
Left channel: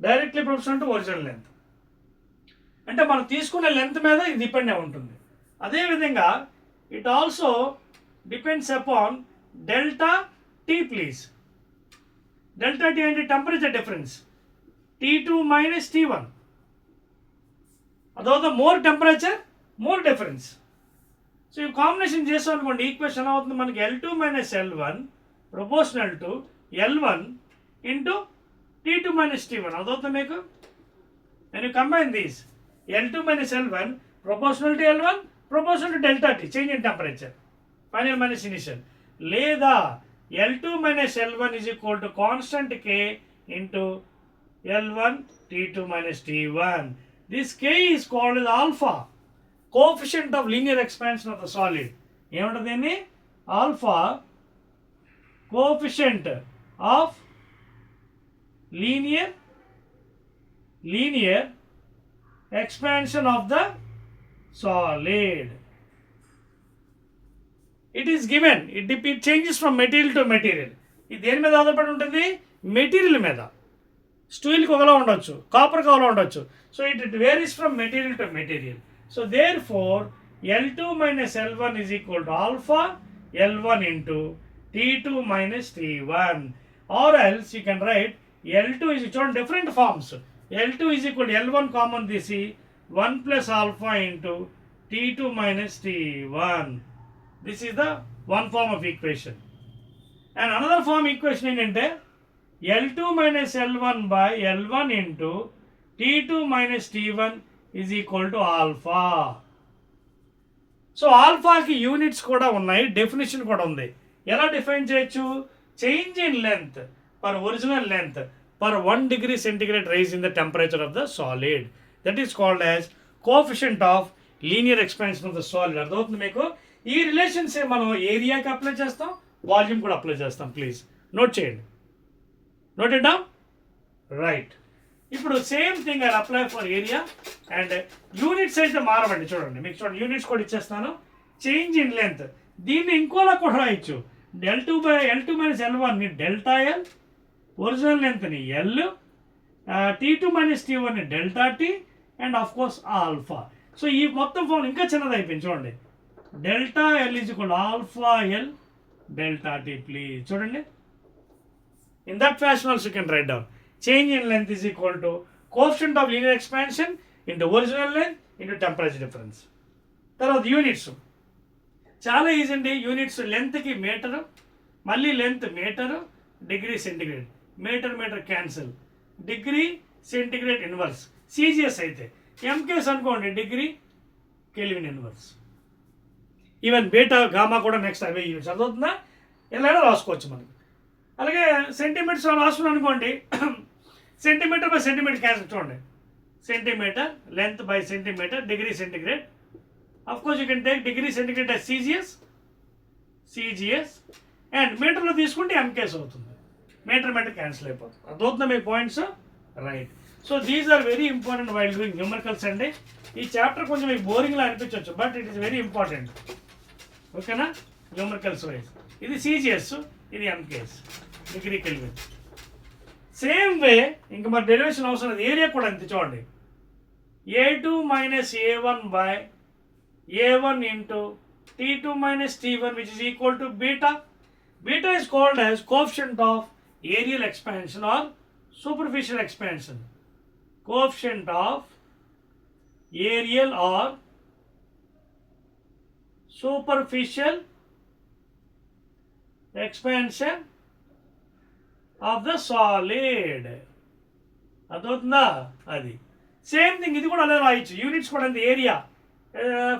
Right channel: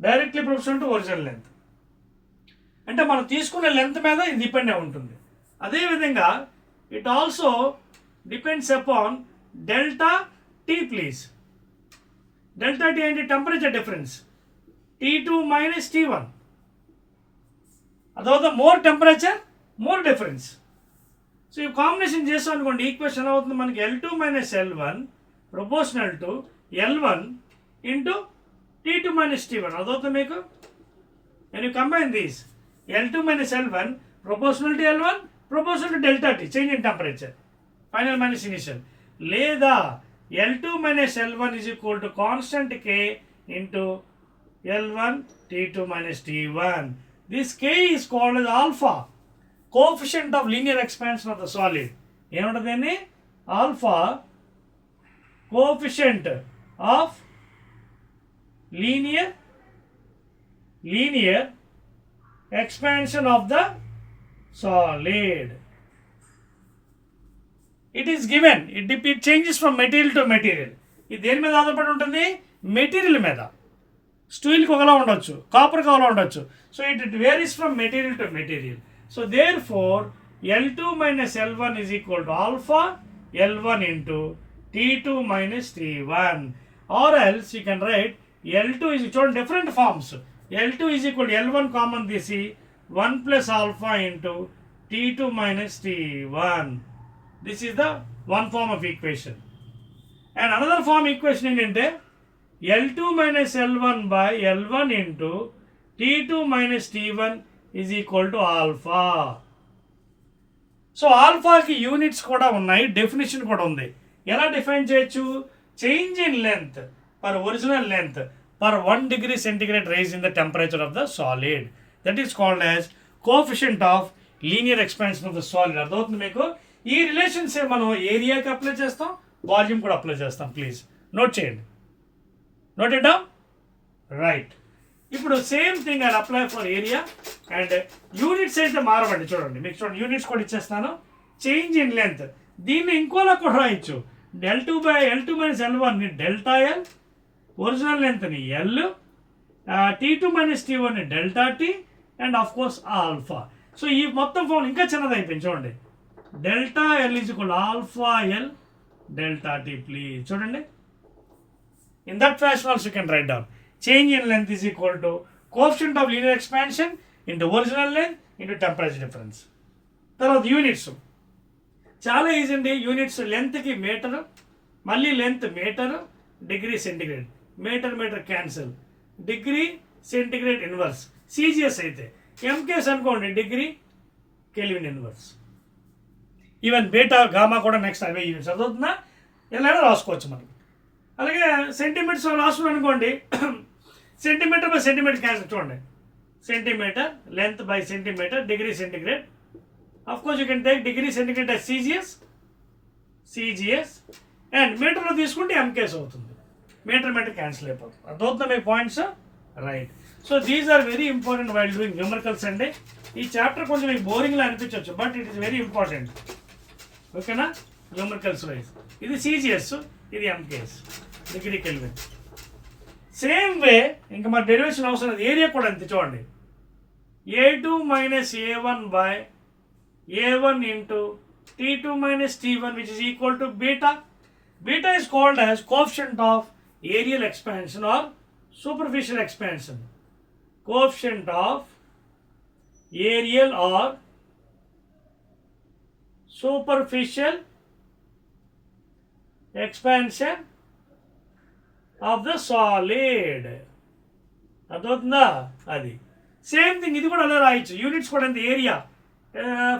directly proportional to original length. అంటే మనం తీసుకునే లెంత్ మీద ఇది డిపెండ్ అయి ఉంటుంది. అదేవిధంగా it also depends upon delta T please. Delta T ఏంటి? Temperature difference. T2 minus T1. అదవుతుంది more temperature, more difference. So ఈ కాంబినేషన్ చేస్తాం అనుకోండి, ఈక్వేషన్ ఎలా అవుతుంది మనకి? L2 minus L1 proportional to L1 into T2 minus T1. అదవుతుంది మీకు. And you combine these, L2 minus L1 proportional to L1 proportional to delta T, change in temperature, final minus initial. లేదా L2 minus L1 is equal to constant K into L1 T2 minus T1. This K is called as alpha, coefficient of linear expansion of the solid. ఏమంటది? Alpha, coefficient of linear expansion of the solid. It is given, it changes from material to material. ఇది దేని మీద ఆధారపడి ఉంటుంది? Material మీద. స్టీల్కి ఒకలా ఉండొచ్చు, కాపర్కి ఒకలా ఉండొచ్చు. So it varies from material to material. So therefore L2 minus L1 is equal to alpha L1 into T2 minus T1. Or else you can write L2 is shown different forms. L2 is equal to L1 common this is 1 plus alpha into T2 minus T1. This is the one form of equation. And another form equation ఏంటంటే L2 minus L1 by L1 into T2 minus T1 is equal to alpha. So ఆల్ఫాకి units కూడా ఉన్నాయి, definition కూడా ఉంది. ఎలా define చేయొచ్చు? Change in length per original length per 1 degree centigrade rise in the temperature of the solid. That is called as coefficient of linear expansion of the solid. అర్థమవుతుంది మీకు? ఈ రిలేషన్స్ మనం ఏరియాకి అప్లై చేస్తాం, వాల్యూమ్ కూడా apply చేస్తాం. Please note చేయండి. Note it down. Right. ఇప్పుడు same thing I apply for area and units అయితే మారవండి. చూడండి, మీకు చూడండి యూనిట్స్ కూడా ఇచ్చేస్తాను. చేంజ్ ఇన్ లెంత్ దీన్ని ఇంకోలా కూడా రాయొచ్చు. L2 minus L1 ని డెల్టా ఎల్, ఒరిజినల్ లెంత్ని ఎల్, T2 minus T1 ని delta T and of course alpha. So ఈ మొత్తం ఫామ్ ఇంకా చిన్నది అయిపోయింది. చూడండి, delta L is equal alpha L delta T. Please చూడండి, in that fashion also you can write down. Change in length is equal to coefficient of linear expansion into original length into temperature difference. తర్వాత units చాలా easy అండి. Units లెంత్కి metre, మళ్ళీ length metre, degree centigrade, metre cancel, degree centigrade inverse. CGS అయితే MKS అనుకోండి degree kelvin inverse. Even beta gamma కూడా next అవే units. అర్థవుతుందా? ఎలా రాసుకోవచ్చు మనకి. అలాగే సెంటీమీటర్స్ రాసుకున్నాం అనుకోండి, సెంటీమీటర్ బై సెంటీమీటర్ క్యాన్సిల్. చూడండి, centimetre length by centimetre degree centigrade. Of course you can take degree centigrade as CGS and మీటర్లో తీసుకుంటే ఎంకేస్ అవుతుంది. మీటర్ క్యాన్సిల్ అయిపోతుంది. అర్థవుతుందా మీ points? Right. So these are very important while doing numericals అండి. ఈ chapter కొంచెం మీకు బోరింగ్లా అనిపించవచ్చు, but it is very important. ఓకేనా? న్యూమరికల్స్ వైజ్ ఇది సిజిఎస్, ఇది MKS, degree kelvin. Same way ఇంకా మరి డెరివేషన్ అవసరం లేదు. ఏరియా కూడా అంతే. చూడండి, A2 minus A1 by A1 into T2 minus T1 which is equal to beta. Beta is called as coefficient of areal expansion or superficial expansion. Coefficient of areal or superficial expansion of the solid. అర్థవుతుందా? అది same thing. ఇది కూడా అలా రాయొచ్చు. Units కూడా అంతే. Area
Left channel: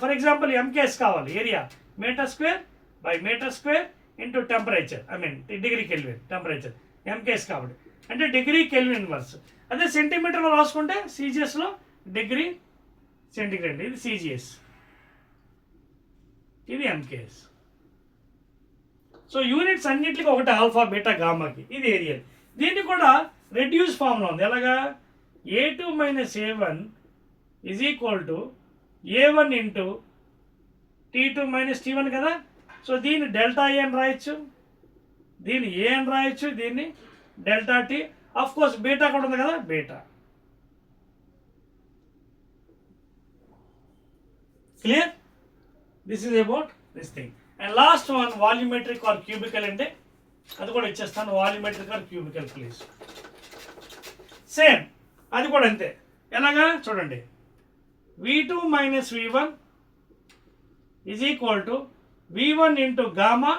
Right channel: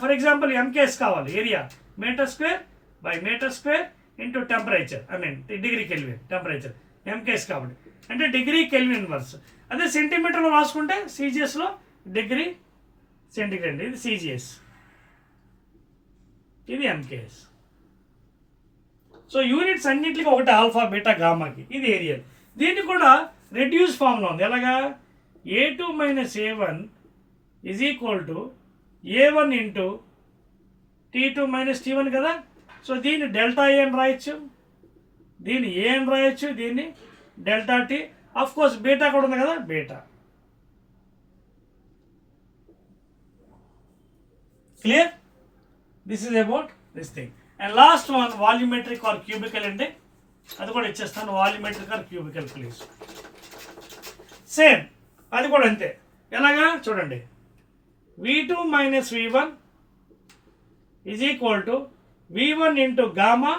for example MKS కావాలి. Area metre square by metre square into temperature, I mean degree Kelvin temperature, MKS కాబట్టి అంటే డిగ్రీ కెల్విన్ ఇన్వర్స్. అదే సెంటీమీటర్లో రాసుకుంటే సిజిఎస్లో డిగ్రీ సెంటిగ్రేడ్. ఇది సిజిఎస్, ఇది ఎంకేఎస్. సో యూనిట్స్ అన్నింటికి ఒకటి ఆల్ఫా బీటా గామాకి. ఇది ఏరియల్. దీన్ని కూడా రెడ్యూస్ ఫామ్లో ఉంది. ఎలాగా? A2 minus A1 is equal to A1 into T2 minus T1 కదా. సో దీన్ని డెల్టా ఏ అని రాయొచ్చు, దీన్ని ఏ అని రాయొచ్చు, దీన్ని delta T. Of course beta కూడా ఉంది కదా, beta. Clear? This is about this thing. And last one volumetric or cubical అంటే అది కూడా ఇచ్చేస్తాను. Volumetric or cubical please. Same అది కూడా అంతే. ఎలాగా? చూడండి, V2 minus V1 is equal to V1 into gamma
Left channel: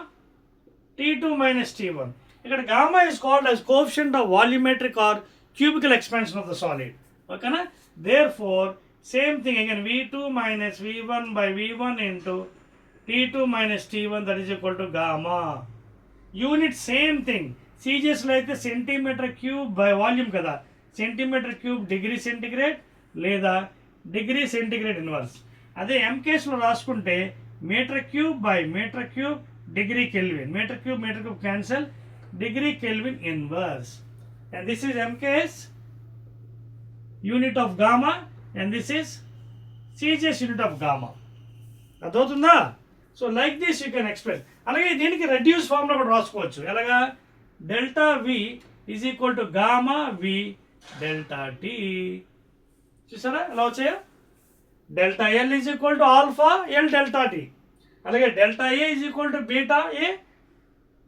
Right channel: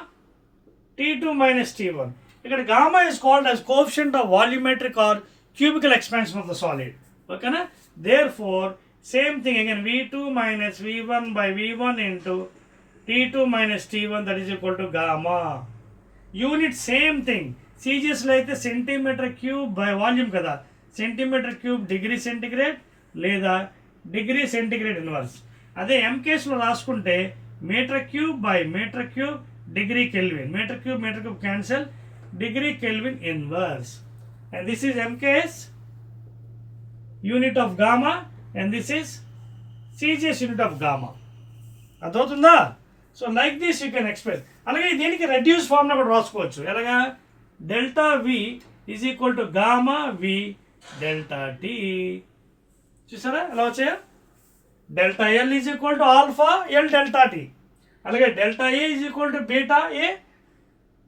T2 minus T1. ఇక్కడ gamma is called as coefficient of volumetric or cubical expansion of the solid. ఓకేనా? Therefore same thing again, V2 minus V1 by V1 into T2 minus T1 that is equal to gamma. Unit same thing. సిజిఎస్లో అయితే centimetre cube by volume కదా. Centimetre cube degree centigrade లేదా degree centigrade inverse. అదే ఎం కేసులో రాసుకుంటే metre cube by metre cube degree kelvin. Metre cube cancel, degree kelvin inverse. And this is MKS unit of gamma and this is CGS unit of gamma. అర్థమవుతుందా? So like this you can express. అలాగే దీనికి reduce ఫార్మ్లో కూడా రాసుకోవచ్చు. ఎలాగా? Delta V is equal to gamma V delta T. చూసారా ఎలా వచ్చాయో? Delta L is equal to alpha L delta T. అలాగే delta A is equal to beta A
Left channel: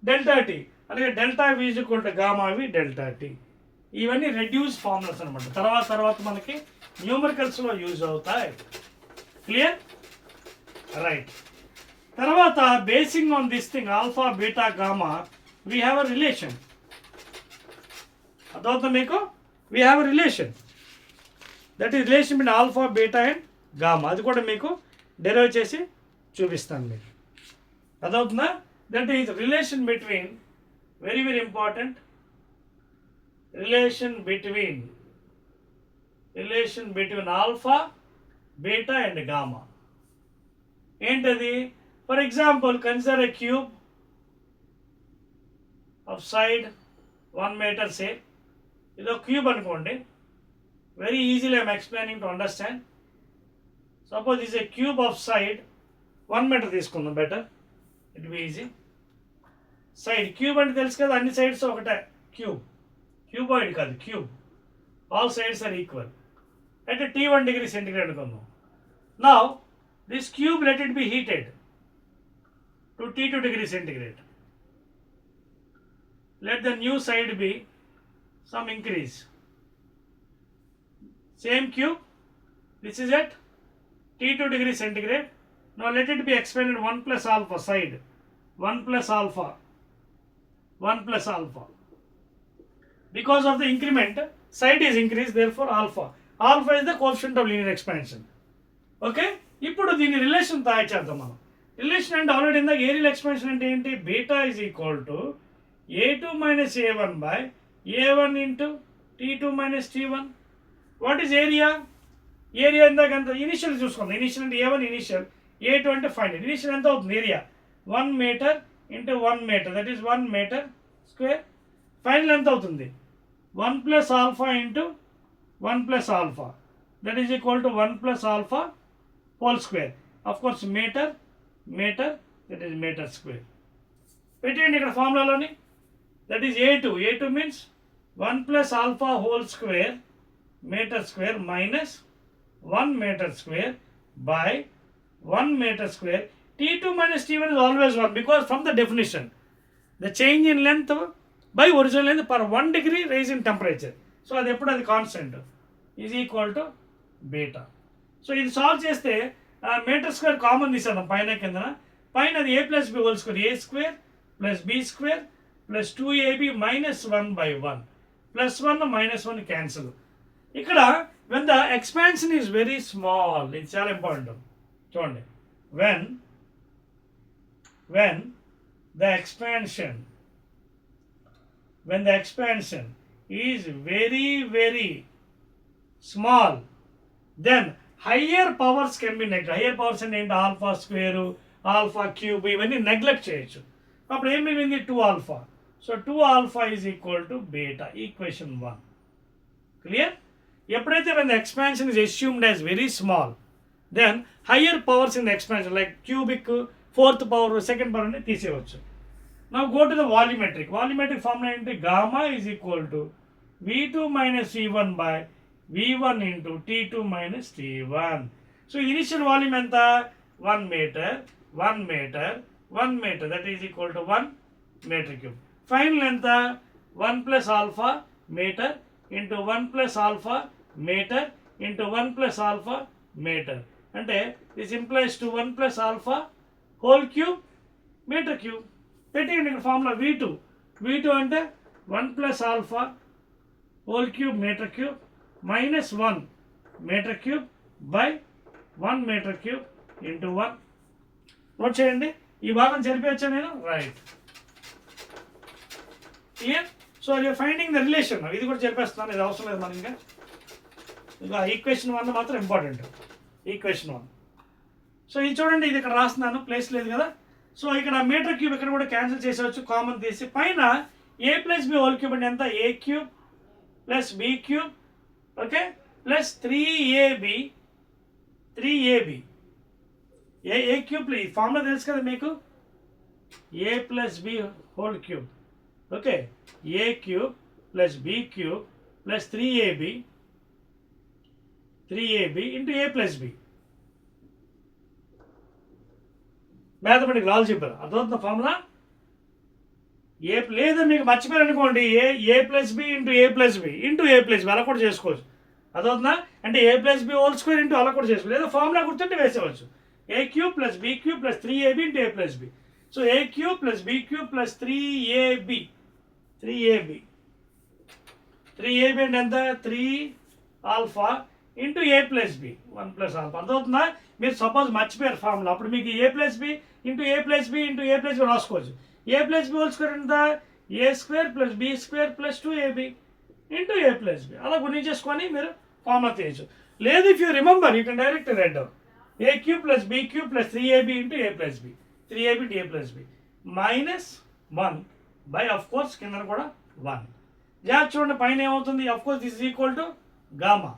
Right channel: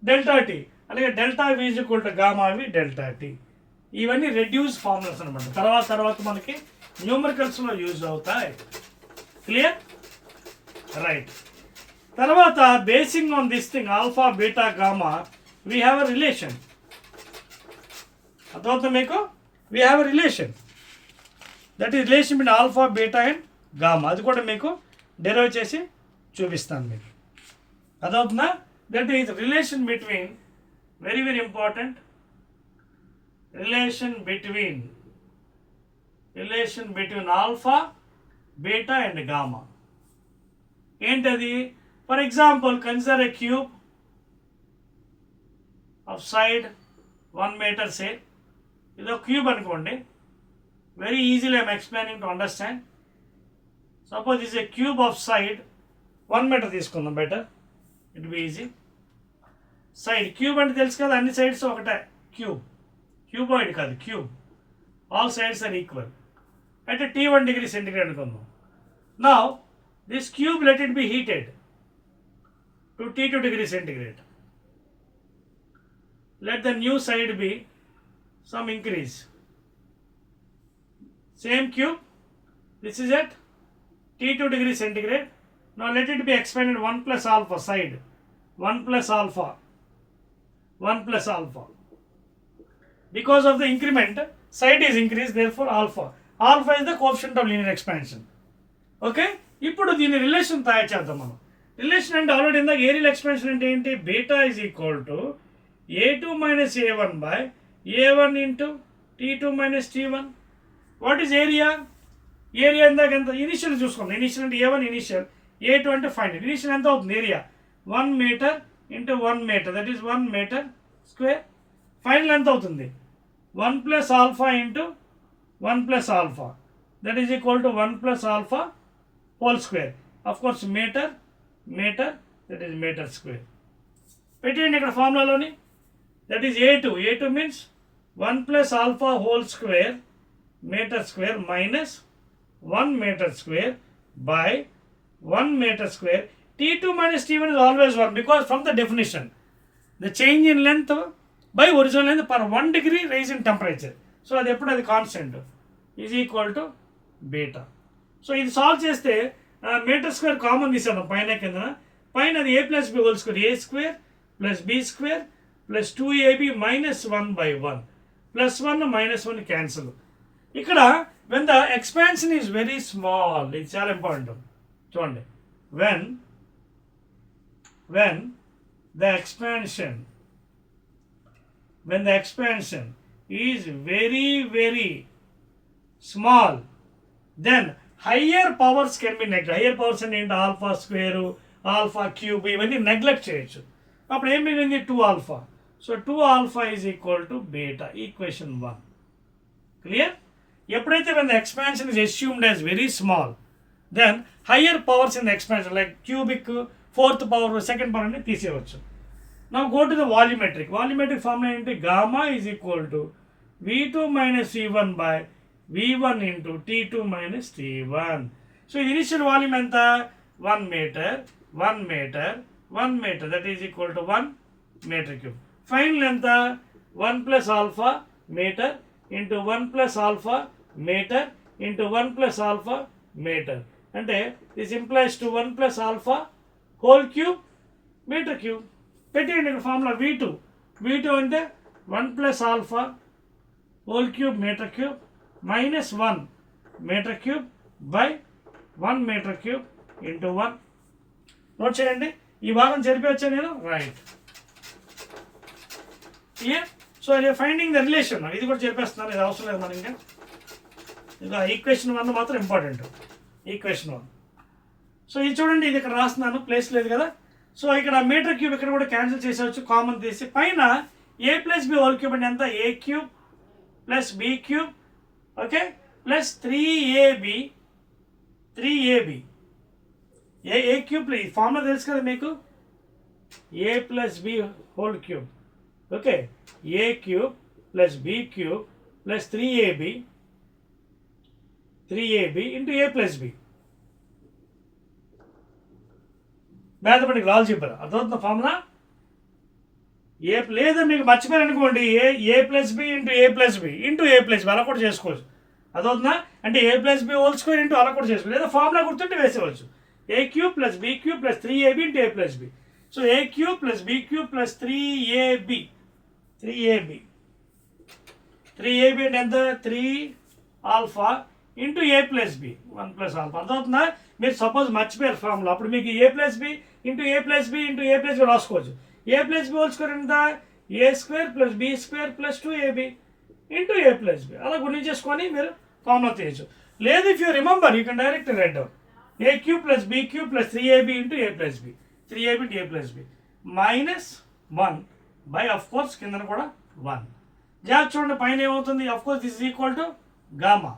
delta T. అలాగే delta V is equal to gamma V delta T. ఇవన్నీ reduce formulas అనమాట. తర్వాత మనకి న్యూమరికల్స్లో యూజ్ అవుతాయి. క్లియర్? రైట్. తర్వాత basing on this thing alpha beta gamma we have a relation. అర్థమవుతుంది మీకు? We have a relation. That is relation between alpha beta and gamma. అది కూడా మీకు డెరైవ్ చేసి చూపిస్తాను మీకు. అదవుతుందా? That is relation between, very very important, relation between alpha beta and gamma. ఏంటది? For example consider a cube of side 1 meter say. ఇదో cube అనుకోండి. Very easily I'm explaining to understand. Suppose is a cube of side 1 meter తీసుకుందాం, better it be easy. Side cube అంటే తెలుసు కదా, అన్ని sides ఒకటే cube. Cuboid కాదు, cube. All sides are equal. అయితే T1 degree centigrade అనుకుందాం. Now this cube let it be heated to T2 degree centigrade. Let the new side be some increase. Same cube, this is at T2 degree centigrade. Now let it be expanded 1 plus alpha side, 1 plus alpha, 1 plus alpha. Because of the increment, side is increased, therefore alpha. Alpha is the coefficient of linear expansion. Okay? ఇప్పుడు దీని relation తయారు చేద్దాం మనం. Relation అంటే already ఇందాక aerial expansion అంటే ఏంటి? Beta is equal to A2 minus A1 by A1 into T2 minus T1. What is area? Area ఇందాక ఎంత? ఇనిషియల్ చూసుకుందాం. ఇనిషియల్ అంటే A1 ఇనిషియల్, A2 అంటే ఫైనల్. ఇనిషియల్ ఎంత అవుతుంది? Area 1 meter into 1 meter, that is 1 meter square. Final ఎంత అవుతుంది? 1 plus alpha into 1 plus alpha, that is equal to 1 plus alpha whole square. Of course meter, that is meter square. పెట్టండి ఇక్కడ ఫార్ములాలోని. That is A2. A2 means 1 plus alpha whole square meter square minus 1 meter square by 1 meter square. T2 minus T1 is always 1 because from the definition, the change in length by original length per 1 degree rise in temperature. So అది ఎప్పుడు అది constant is equal to beta. So ఇది solve చేస్తే metre square common తీసేద్దాం పైన కింద. పైన అది A plus B whole square, A square plus B square plus 2AB minus 1 by 1. Plus 1 minus 1 cancel. ఇక్కడ when the expansion is very small, it's చాలా important. చూడండి, when the expansion is very very small, then higher powers can be neglected. Higher powers అంటే ఏంటి? Alpha square, alpha cube, ఇవన్నీ neglect చేయొచ్చు. అప్పుడు ఏం మిగిలింది? 2 alpha. So 2 alpha is equal to beta, equation 1. Clear? ఎప్పుడైతే when the expansion is assumed as very small, then higher powers in the expansion like cubic, 4th power, 2nd power అంటే తీసేయవచ్చు. Now go to the volumetric. Volumetric formula ఏంటి? Gamma is equal to V2 minus V1 by V1 into T2 minus T1. So initial volume ఎంత? 1 meter, 1 meter, 1 meter, that is equal to 1 meter cube. Final ఎంత? 1 plus alpha meter into 1 plus alpha meter into 1 plus alpha meter. అంటే this implies to 1 plus alpha whole cube meter cube. పెట్టండి ఇక్కడ formula V2 అంటే 1 plus alpha whole cube meter cube minus 1 meter cube by 1 meter cube into 1. Note చేయండి. ఈ భాగం జరిపేయచ్చా నేను? Right. Clear? So finding the relation, ఇది కూడా చెప్పేస్తున్నాను, ఇది అవసరం లేదు మనకి ఇంకా. ఇక ఈక్వేషన్ 1 మాత్రం ఇంపార్టెంట్. ఈక్వేషన్ 1. సో ఇది చూడండి, ఇది ఇక్కడ రాస్తున్నాను, ప్లేస్ లేదు కదా. సో ఇక్కడ మీటర్ క్యూబ్ ఇక్కడ కూడా క్యాన్సిల్ చేసేవచ్చు, కామన్ తీసి పైన a plus B whole cube అంటే ఎంత, a cube plus B cube, okay, plus 3ab. A cube ఈ ఫార్ములా తెలుసు కదా మీకు, a plus B whole cube, okay, a cube plus B cube plus 3ab into a plus B. Mathematic algebra అర్థమవుతున్న formula. ఏ లేదా మీకు మర్చిపోయారు అనుకోండి, A plus B into A plus B అలా కూడా చేసుకోవచ్చు. అదవుతుందా, అంటే a plus B whole square into అలా కూడా చేసుకోవచ్చు, లేదా ఫార్ములా గుర్తుంటే వేసేవచ్చు. a cube plus B cube plus 3ab into a plus B. So a cube plus B cube plus 3ab అంటే ఎంత, 3 alpha into a plus B 1 plus alpha. అర్థమవుతుందా, మీరు సపోజ్ మర్చిపోయారు ఫార్ములా, అప్పుడు మీకు a plus B into A plus B రాసుకోవచ్చు. a plus B whole square ఎంత, a square plus B square plus 2ab into a plus B అలా గుణించేసుకొని మీరు formula తీయచ్చు. లేదు, if you remember you can direct write down a cube plus B cube plus 3ab into a plus B, 3ab into a plus B minus 1 by of course కింద కూడా 1. జాగ్రత్త చూడండి, పైన ఏమవుతుంది, of course this is equal to gamma.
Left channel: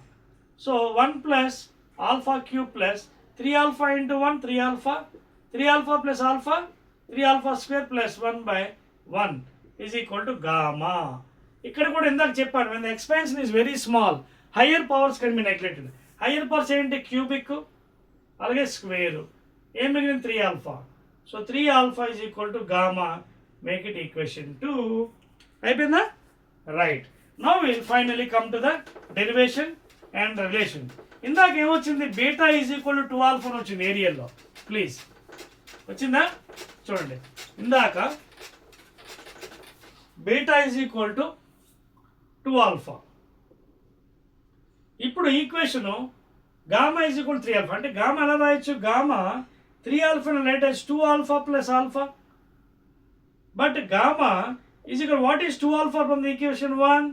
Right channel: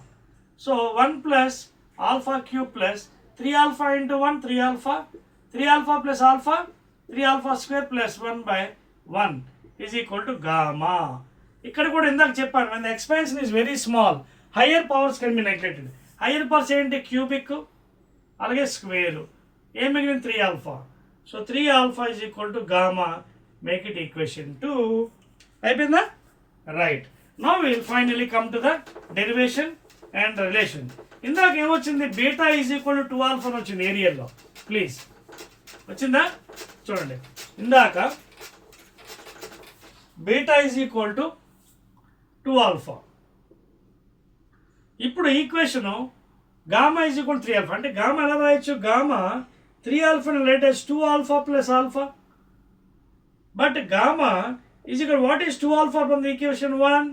So 1 plus alpha cube plus 3 alpha into 1 3 alpha plus alpha 3 alpha square plus 1/1 is equal to gamma. ఇక్కడ కూడా ఇందాక చెప్పాను, when the expansion is very small, higher powers can be neglected. Higher powers ఏంటి, cubic అలాగే square, ఏం మిగిలింది 3 alpha. So 3 alpha is equal to gamma, make it equation 2. అయిపోయిందా, right. Now will finally come to the derivation and relation. ఇందాక ఏమొచ్చింది, beta is equal to 2 alpha అని వచ్చింది ఏరియల్లో, ప్లీజ్ వచ్చిందా చూడండి. ఇందాక beta is equal to 2 alpha. ఇప్పుడు equation gamma is equal 3 alpha, అంటే గామా ఎలా రాయొచ్చు, gamma 3 alpha latest 2 alpha plus alpha. But gamma is equal what is 2 alpha from the equation 1,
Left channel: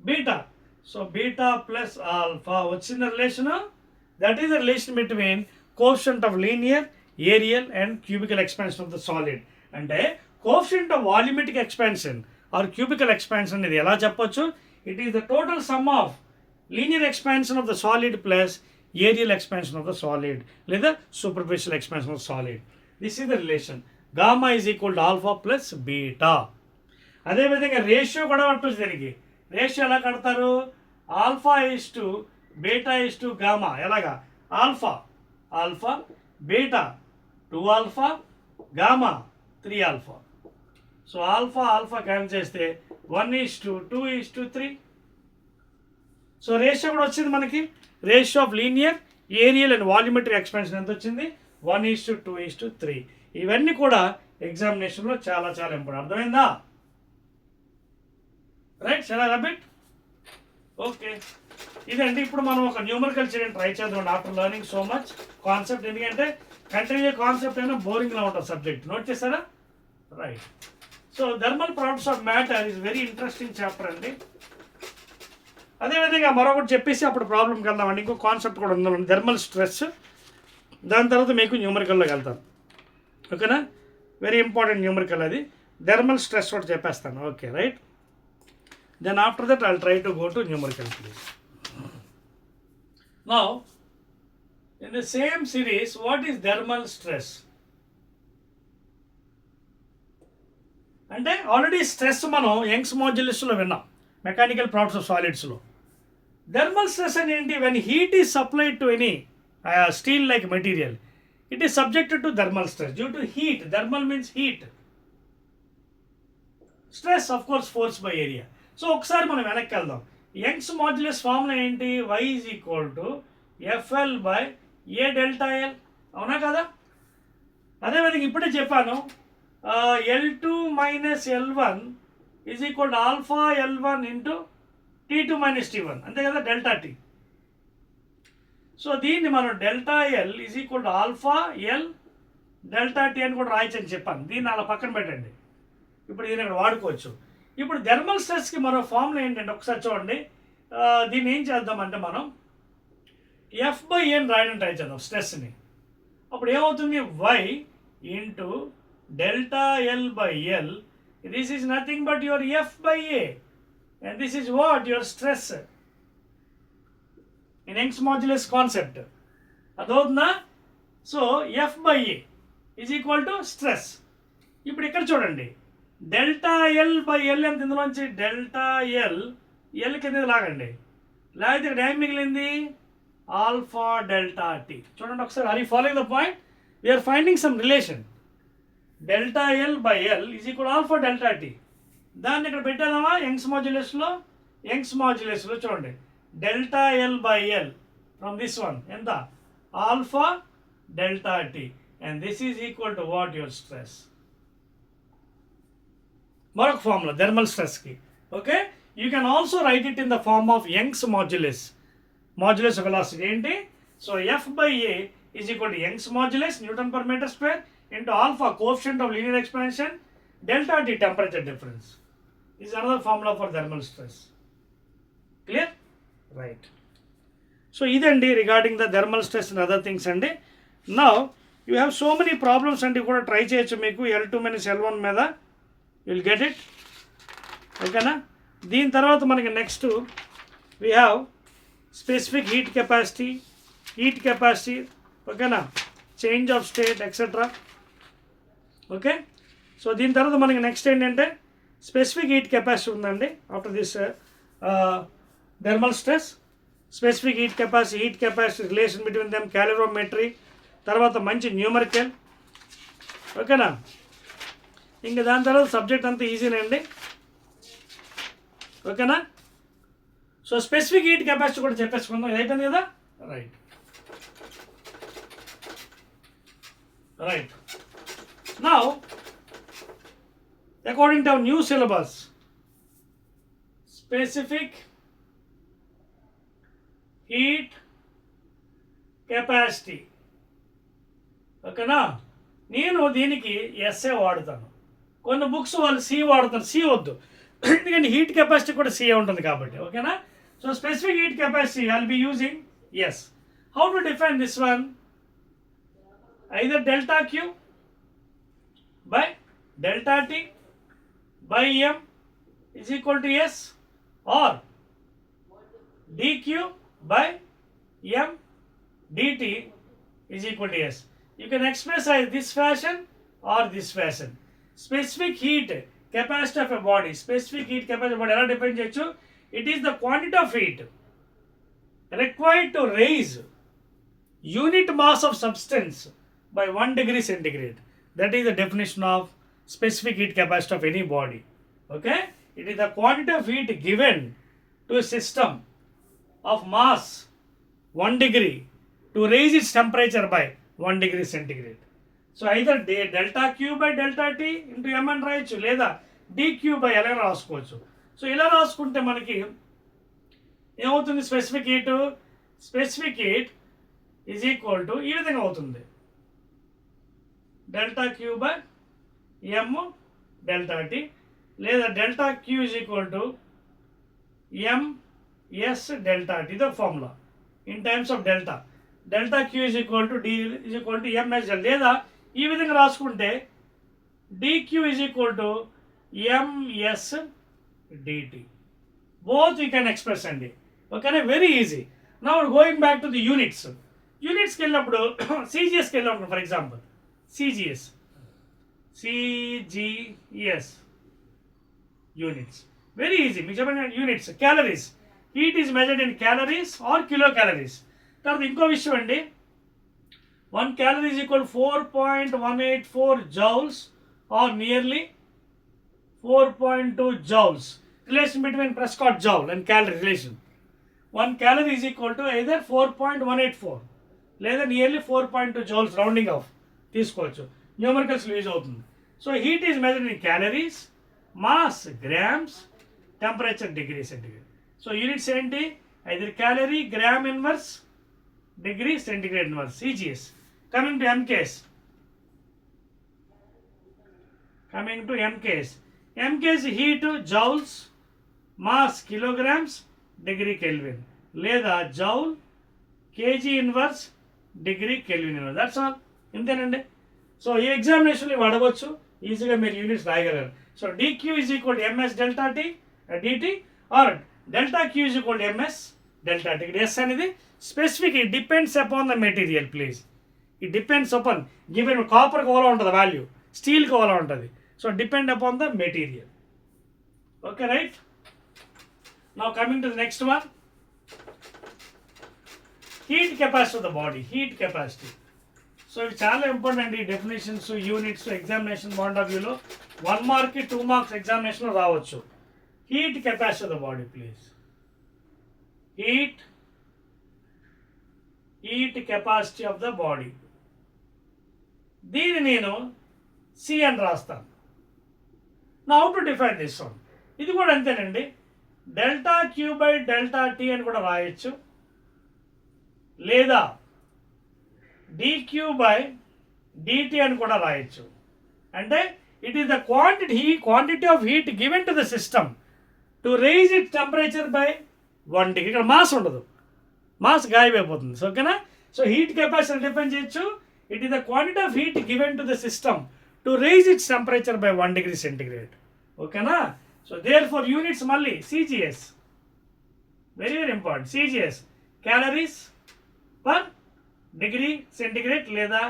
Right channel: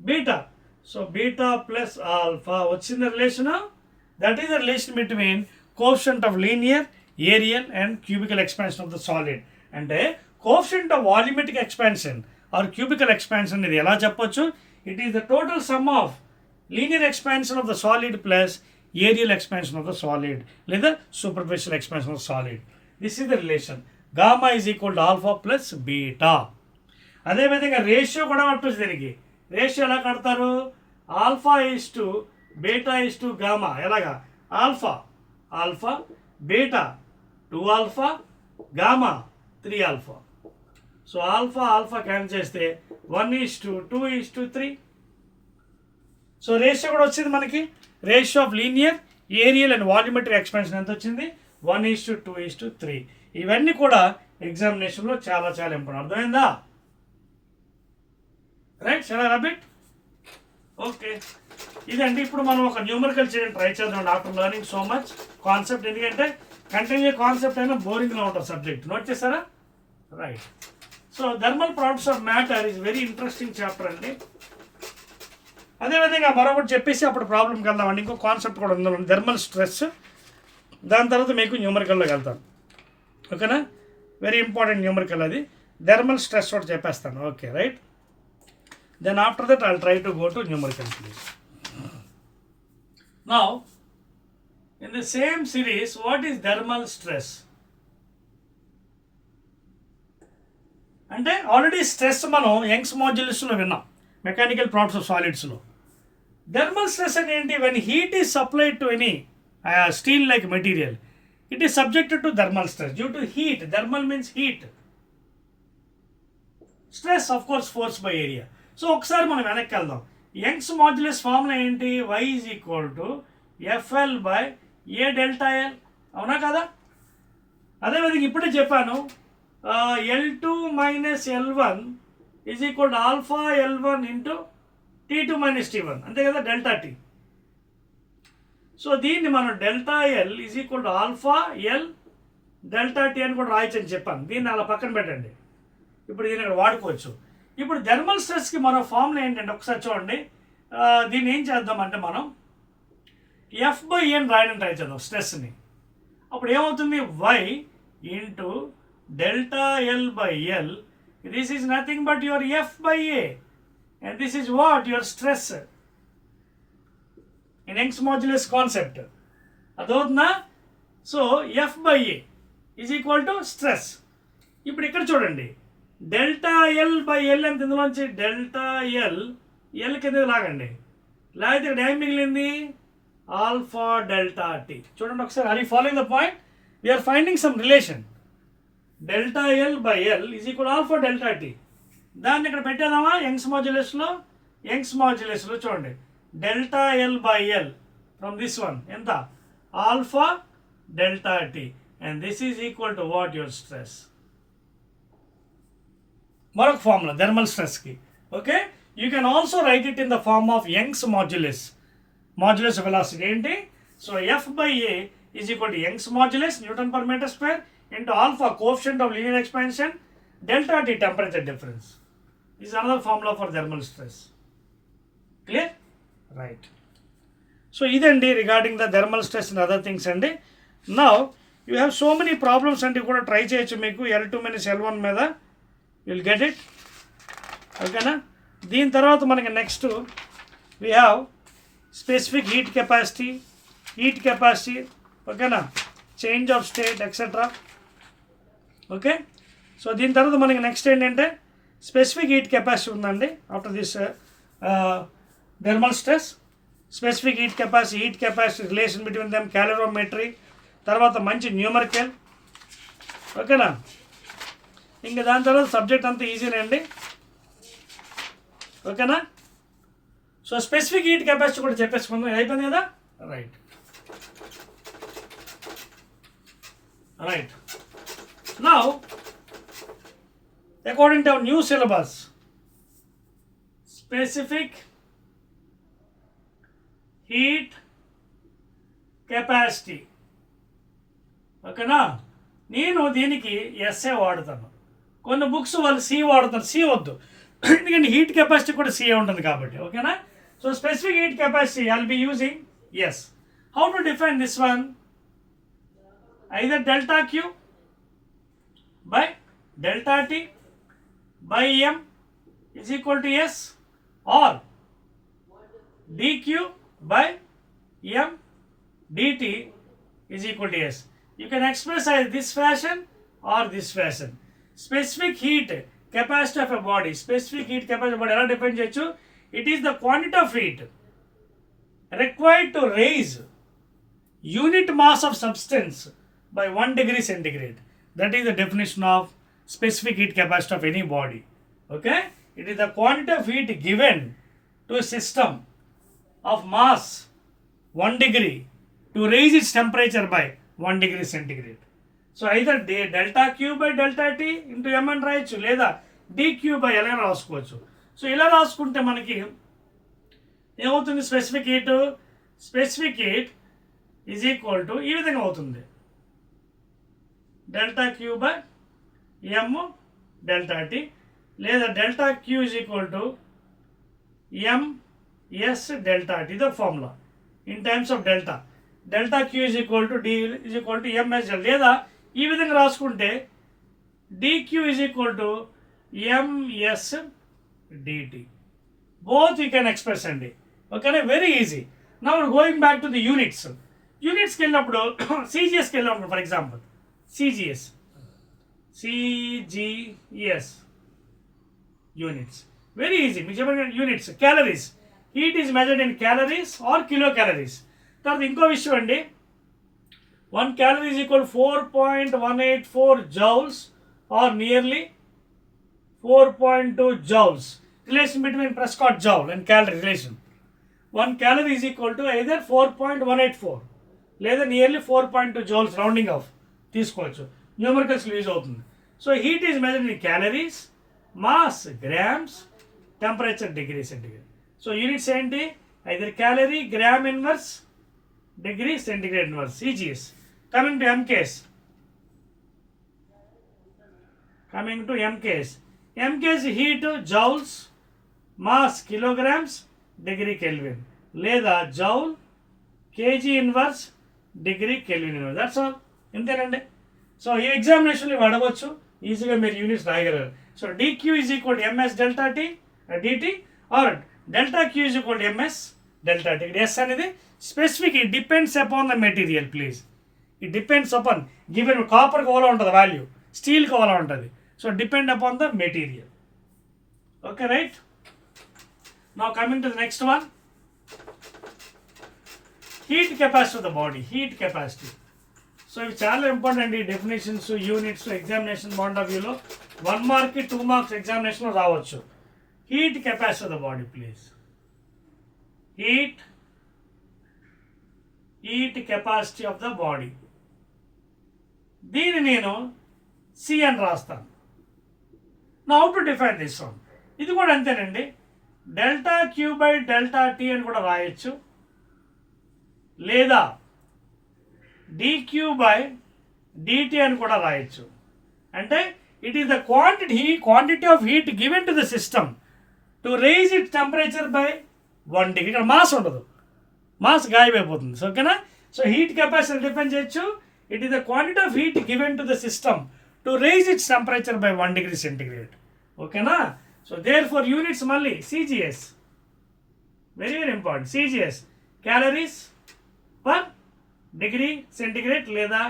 beta. So beta plus alpha వచ్చింది relation. That is the relation between coefficient of linear, areal and cubical expansion of the solid. అంటే coefficient of volumetric expansion or cubical expansion ఇది ఎలా చెప్పొచ్చు, it is the total sum of linear expansion of the solid plus areal expansion of the solid లేదా superficial expansion of solid. This is the relation. Gamma is equal to alpha plus beta. అదేవిధంగా ratio కూడా పట్టొచ్చు దీనికి. Ratio ఎలా కడతారు, alpha is to beta is to gamma. ఎలాగా, alpha beta 2 alpha gamma 3 alpha. So alpha cancel చేస్తే 1:2:3. So ratio కూడా వచ్చింది మనకి. Ratio of linear, areal and volumetric expansion ఎంత వచ్చింది, 1:2:3. ఇవన్నీ కూడా ఎగ్జామినేషన్లో చాలా చాలా ఇంపార్టెంట్. అర్థమైందా, రైట్, చాలా రాబిట్. ఓకే, ఇదండి. ఇప్పుడు మనం ఒక న్యూమరికల్ చేయడం ట్రై చేద్దాం after learning so much concept. ఎందుకంటే కంటిన్యూ కాన్సెప్ట్ అయినా బోరింగ్లో ఉంటుంది సబ్జెక్ట్. నోట్ చేస్తారా, right. So thermal properties of matter is very interesting chapter అండి. అదేవిధంగా మరొకటి చెప్పేసి అప్పుడు ప్రాబ్లంకి వెళ్దామండి. ఇంకో కాన్సెప్ట్ కూడా ఉండాలి, థర్మల్ స్ట్రెస్. దాని తర్వాత మీకు న్యూమరికల్లోకి వెళ్తాను, ఓకేనా. వెరీ ఇంపార్టెంట్ న్యూమరికల్ అది. థర్మల్ స్ట్రెస్ ఒకటి చెప్పేస్తాను, okay, right. Then after that I'll try to go to numerical please. Now in the same series, what is thermal stress? అంటే ఆల్రెడీ స్ట్రెస్ మనం యంగ్స్ మాడ్యులస్లో విన్నాం, మెకానికల్ ప్రాపర్టీస్ ఆఫ్ సాలిడ్స్లో. Thermal stress అంటే ఏంటి, when heat is supplied to any steel like material, it is subjected to thermal stress due to heat. Thermal means heat, stress of course force by area. So ఒకసారి మనం వెనక్కి వెళ్దాం. Young's modulus formula ఏంటి, y is equal to FL by A delta L, అవునా కదా. అదేవిధంగా ఇప్పుడే చెప్పాను, L2 minus L1 is equal to alpha L1 into T2 minus T1, అంతే కదా, డెల్టా T. సో దీన్ని మనం delta L is equal to alpha L delta T అని కూడా రాయొచ్చు అని చెప్పాను. దీన్ని అలా పక్కన పెట్టండి, ఇప్పుడు దీన్ని అక్కడ వాడుకోవచ్చు. ఇప్పుడు థర్మల్ స్ట్రెస్కి మరో ఫార్ములా ఏంటంటే ఒకసారి చూడండి. దీన్ని ఏం చేద్దామంటే మనం F/N రాయడం ట్రై చేద్దాం స్ట్రెస్ని. అప్పుడు ఏమవుతుంది, y into delta L/L. This is nothing but your F/A, and this is what your stress in Young's modulus concept. అదవుతుందా? So F/A is equal to stress. ఇప్పుడు ఇక్కడ చూడండి, డెల్టా L/L ఎంత, ఇందులోంచి డెల్టా L కింద లాగండి, లాగితే ఇక్కడ ఏం మిగిలింది, ఆల్ఫా డెల్టా టీ. చూడండి ఒకసారి, are you following the point? We're finding some relation. Delta L/L is equal alpha delta T. దాన్ని ఇక్కడ పెట్టేదామా యంగ్స్ మాడ్యులస్లో? యంగ్స్ మాడ్యులస్లో చూడండి, delta L/L from this one ఎంత, alpha delta T, and this is equal to what, your stress. మరొక formula thermal స్ట్రెస్కి. Okay, you can also write it in the form of Young's modulus. Modulus velocity ఏంటి? So F/A is equal to Young's modulus newton per metre square into alpha coefficient of linear expansion delta T temperature difference. Is another formula for thermal stress. Clear? Right. So ఇదండి regarding the thermal stress and other things అండి. Now you have so many problems అండి, కూడా try చేయొచ్చు మీకు L2 - L1 మీద. Will get it. ఓకేనా? దీని తర్వాత మనకి next we have specific heat capacity. ఓకేనా? Change of state etcetera. Okay, so దీని తర్వాత మనకి నెక్స్ట్ ఏంటంటే స్పెసిఫిక్ హీట్ కెపాసిటీ ఉందండి. After this thermal stress, specific heat capacity relation between them, calorimetry, తర్వాత మంచి న్యూమరికల్. ఓకేనా? ఇంకా దాని తర్వాత సబ్జెక్ట్ అంతా ఈజీనే అండి. ఓకేనా? సో స్పెసిఫిక్ హీట్ కెపాసిటీ కూడా చెప్పేసుకుందాం. ఇది అయిపోయింది కదా? Right. Now, according to our new syllabus, specific heat capacity. ఓకేనా? నేను దీనికి ఎస్ఏ వాడుతాను, కొన్ని బుక్స్ వాళ్ళు సి వాడుతారు. సి వద్దు, ఎందుకంటే హీట్ కెపాసిటీ కూడా సి ఉంటుంది కాబట్టి. ఓకేనా? So specific heat capacity I will be using S. How to define this one? either delta Q by delta T by M is equal to S, or dQ by M dt is equal to S. You can express as this fashion or this fashion. Specific heat capacity of a body. Specific heat capacity of a body ఎలా define చేయొచ్చు? It is the quantity of heat required to raise unit mass of substance by 1 degree centigrade. That is the definition of specific heat capacity of any body. Okay, it is the quantity of heat given to a system of mass 1 degree to raise its temperature by 1 degree centigrade. So either delta Q by delta T into M అని రాయొచ్చు, లేదా dQ by L అని రాసుకోవచ్చు. So ఇలా రాసుకుంటే మనకి ఏమవుతుంది, specific heat is equal to ఈ విధంగా అవుతుంది, delta Q by M delta T, లేదా delta Q is equal to MS delta T. The formula in times of delta Q is equal to D is equal to MS delta, లేదా ఈ విధంగా రాసుకుంటే dQ is equal to MS dT. Both you can express అండి. ఓకేనా? Very easy. Now going back to the యూనిట్స్కి వెళ్ళినప్పుడు సిజిఎస్కి వెళ్ళినప్పుడు, for example CGS units, very easy. మీకు చెప్పండి units. Calories, heat is measured in calories or kilo calories. తర్వాత ఇంకో విషయం అండి, 1 calorie is equal to 4.184 joules or nearly 4.2 joules. Relation between Prescott joule and calorie relation. 1 calorie is equal to either 4.184 లేదా nearly 4.2 joules, rounding off తీసుకోవచ్చు. Numericals use అవుతుంది. So heat is measured in calories, mass grams, temperature degree centigrade. So units ఏంటి? Either calorie, gram inverse, degree centigrade inverse, CGS. Coming to MKs, heat joules, mass kilograms, degree Kelvin, లేదా joule KG inverse degree kelvin inverse. That's all. ఇంతేనండి. So ఈ ఎగ్జామినేషన్లో ఇవి అడగవచ్చు, ఈజీగా మీరు units రాయగలరు. So dq is equal MS delta T dT or delta Q is equal MS delta T. ఇక్కడ ఎస్ అనేది specific, it depends upon the material please. It depends upon given కాపర్కి ఓలా ఉంటుంది వాల్యూ, స్టీల్కి ఓలా ఉంటుంది. So depend upon the material. Okay right. Now coming to the next one, heat capacity of the body. Heat capacity. So ఇవి చాలా important. ఈ definitions, units examination point of వ్యూలో 1 మార్క్కి 2 మార్క్స్ ఎగ్జామినేషన్లో రావచ్చు. Heat capacity of the body please. Heat capacity of the body. దీన్ని నేను C అని రాస్తాను. నా how to define this one. ఇది కూడా అంతేనండి. Delta Q by delta T అని కూడా రాయొచ్చు, లేదా dq by dt అని కూడా రాయొచ్చు. అంటే it is the quantity of heat given to the system to raise it temperature by 1 degree. ఇక్కడ మాస్ ఉండదు, మాస్ గాయమైపోతుంది. సో ఓకేనా. సో హీట్ కెపాసిటీ డిఫైన్ చేయొచ్చు. It is the quantity of heat given to the system to raise its temperature by 1 degree centigrade. ఓకేనా. So therefore units మళ్ళీ CGS, very very important. CGS calories per degree centigrade లేదా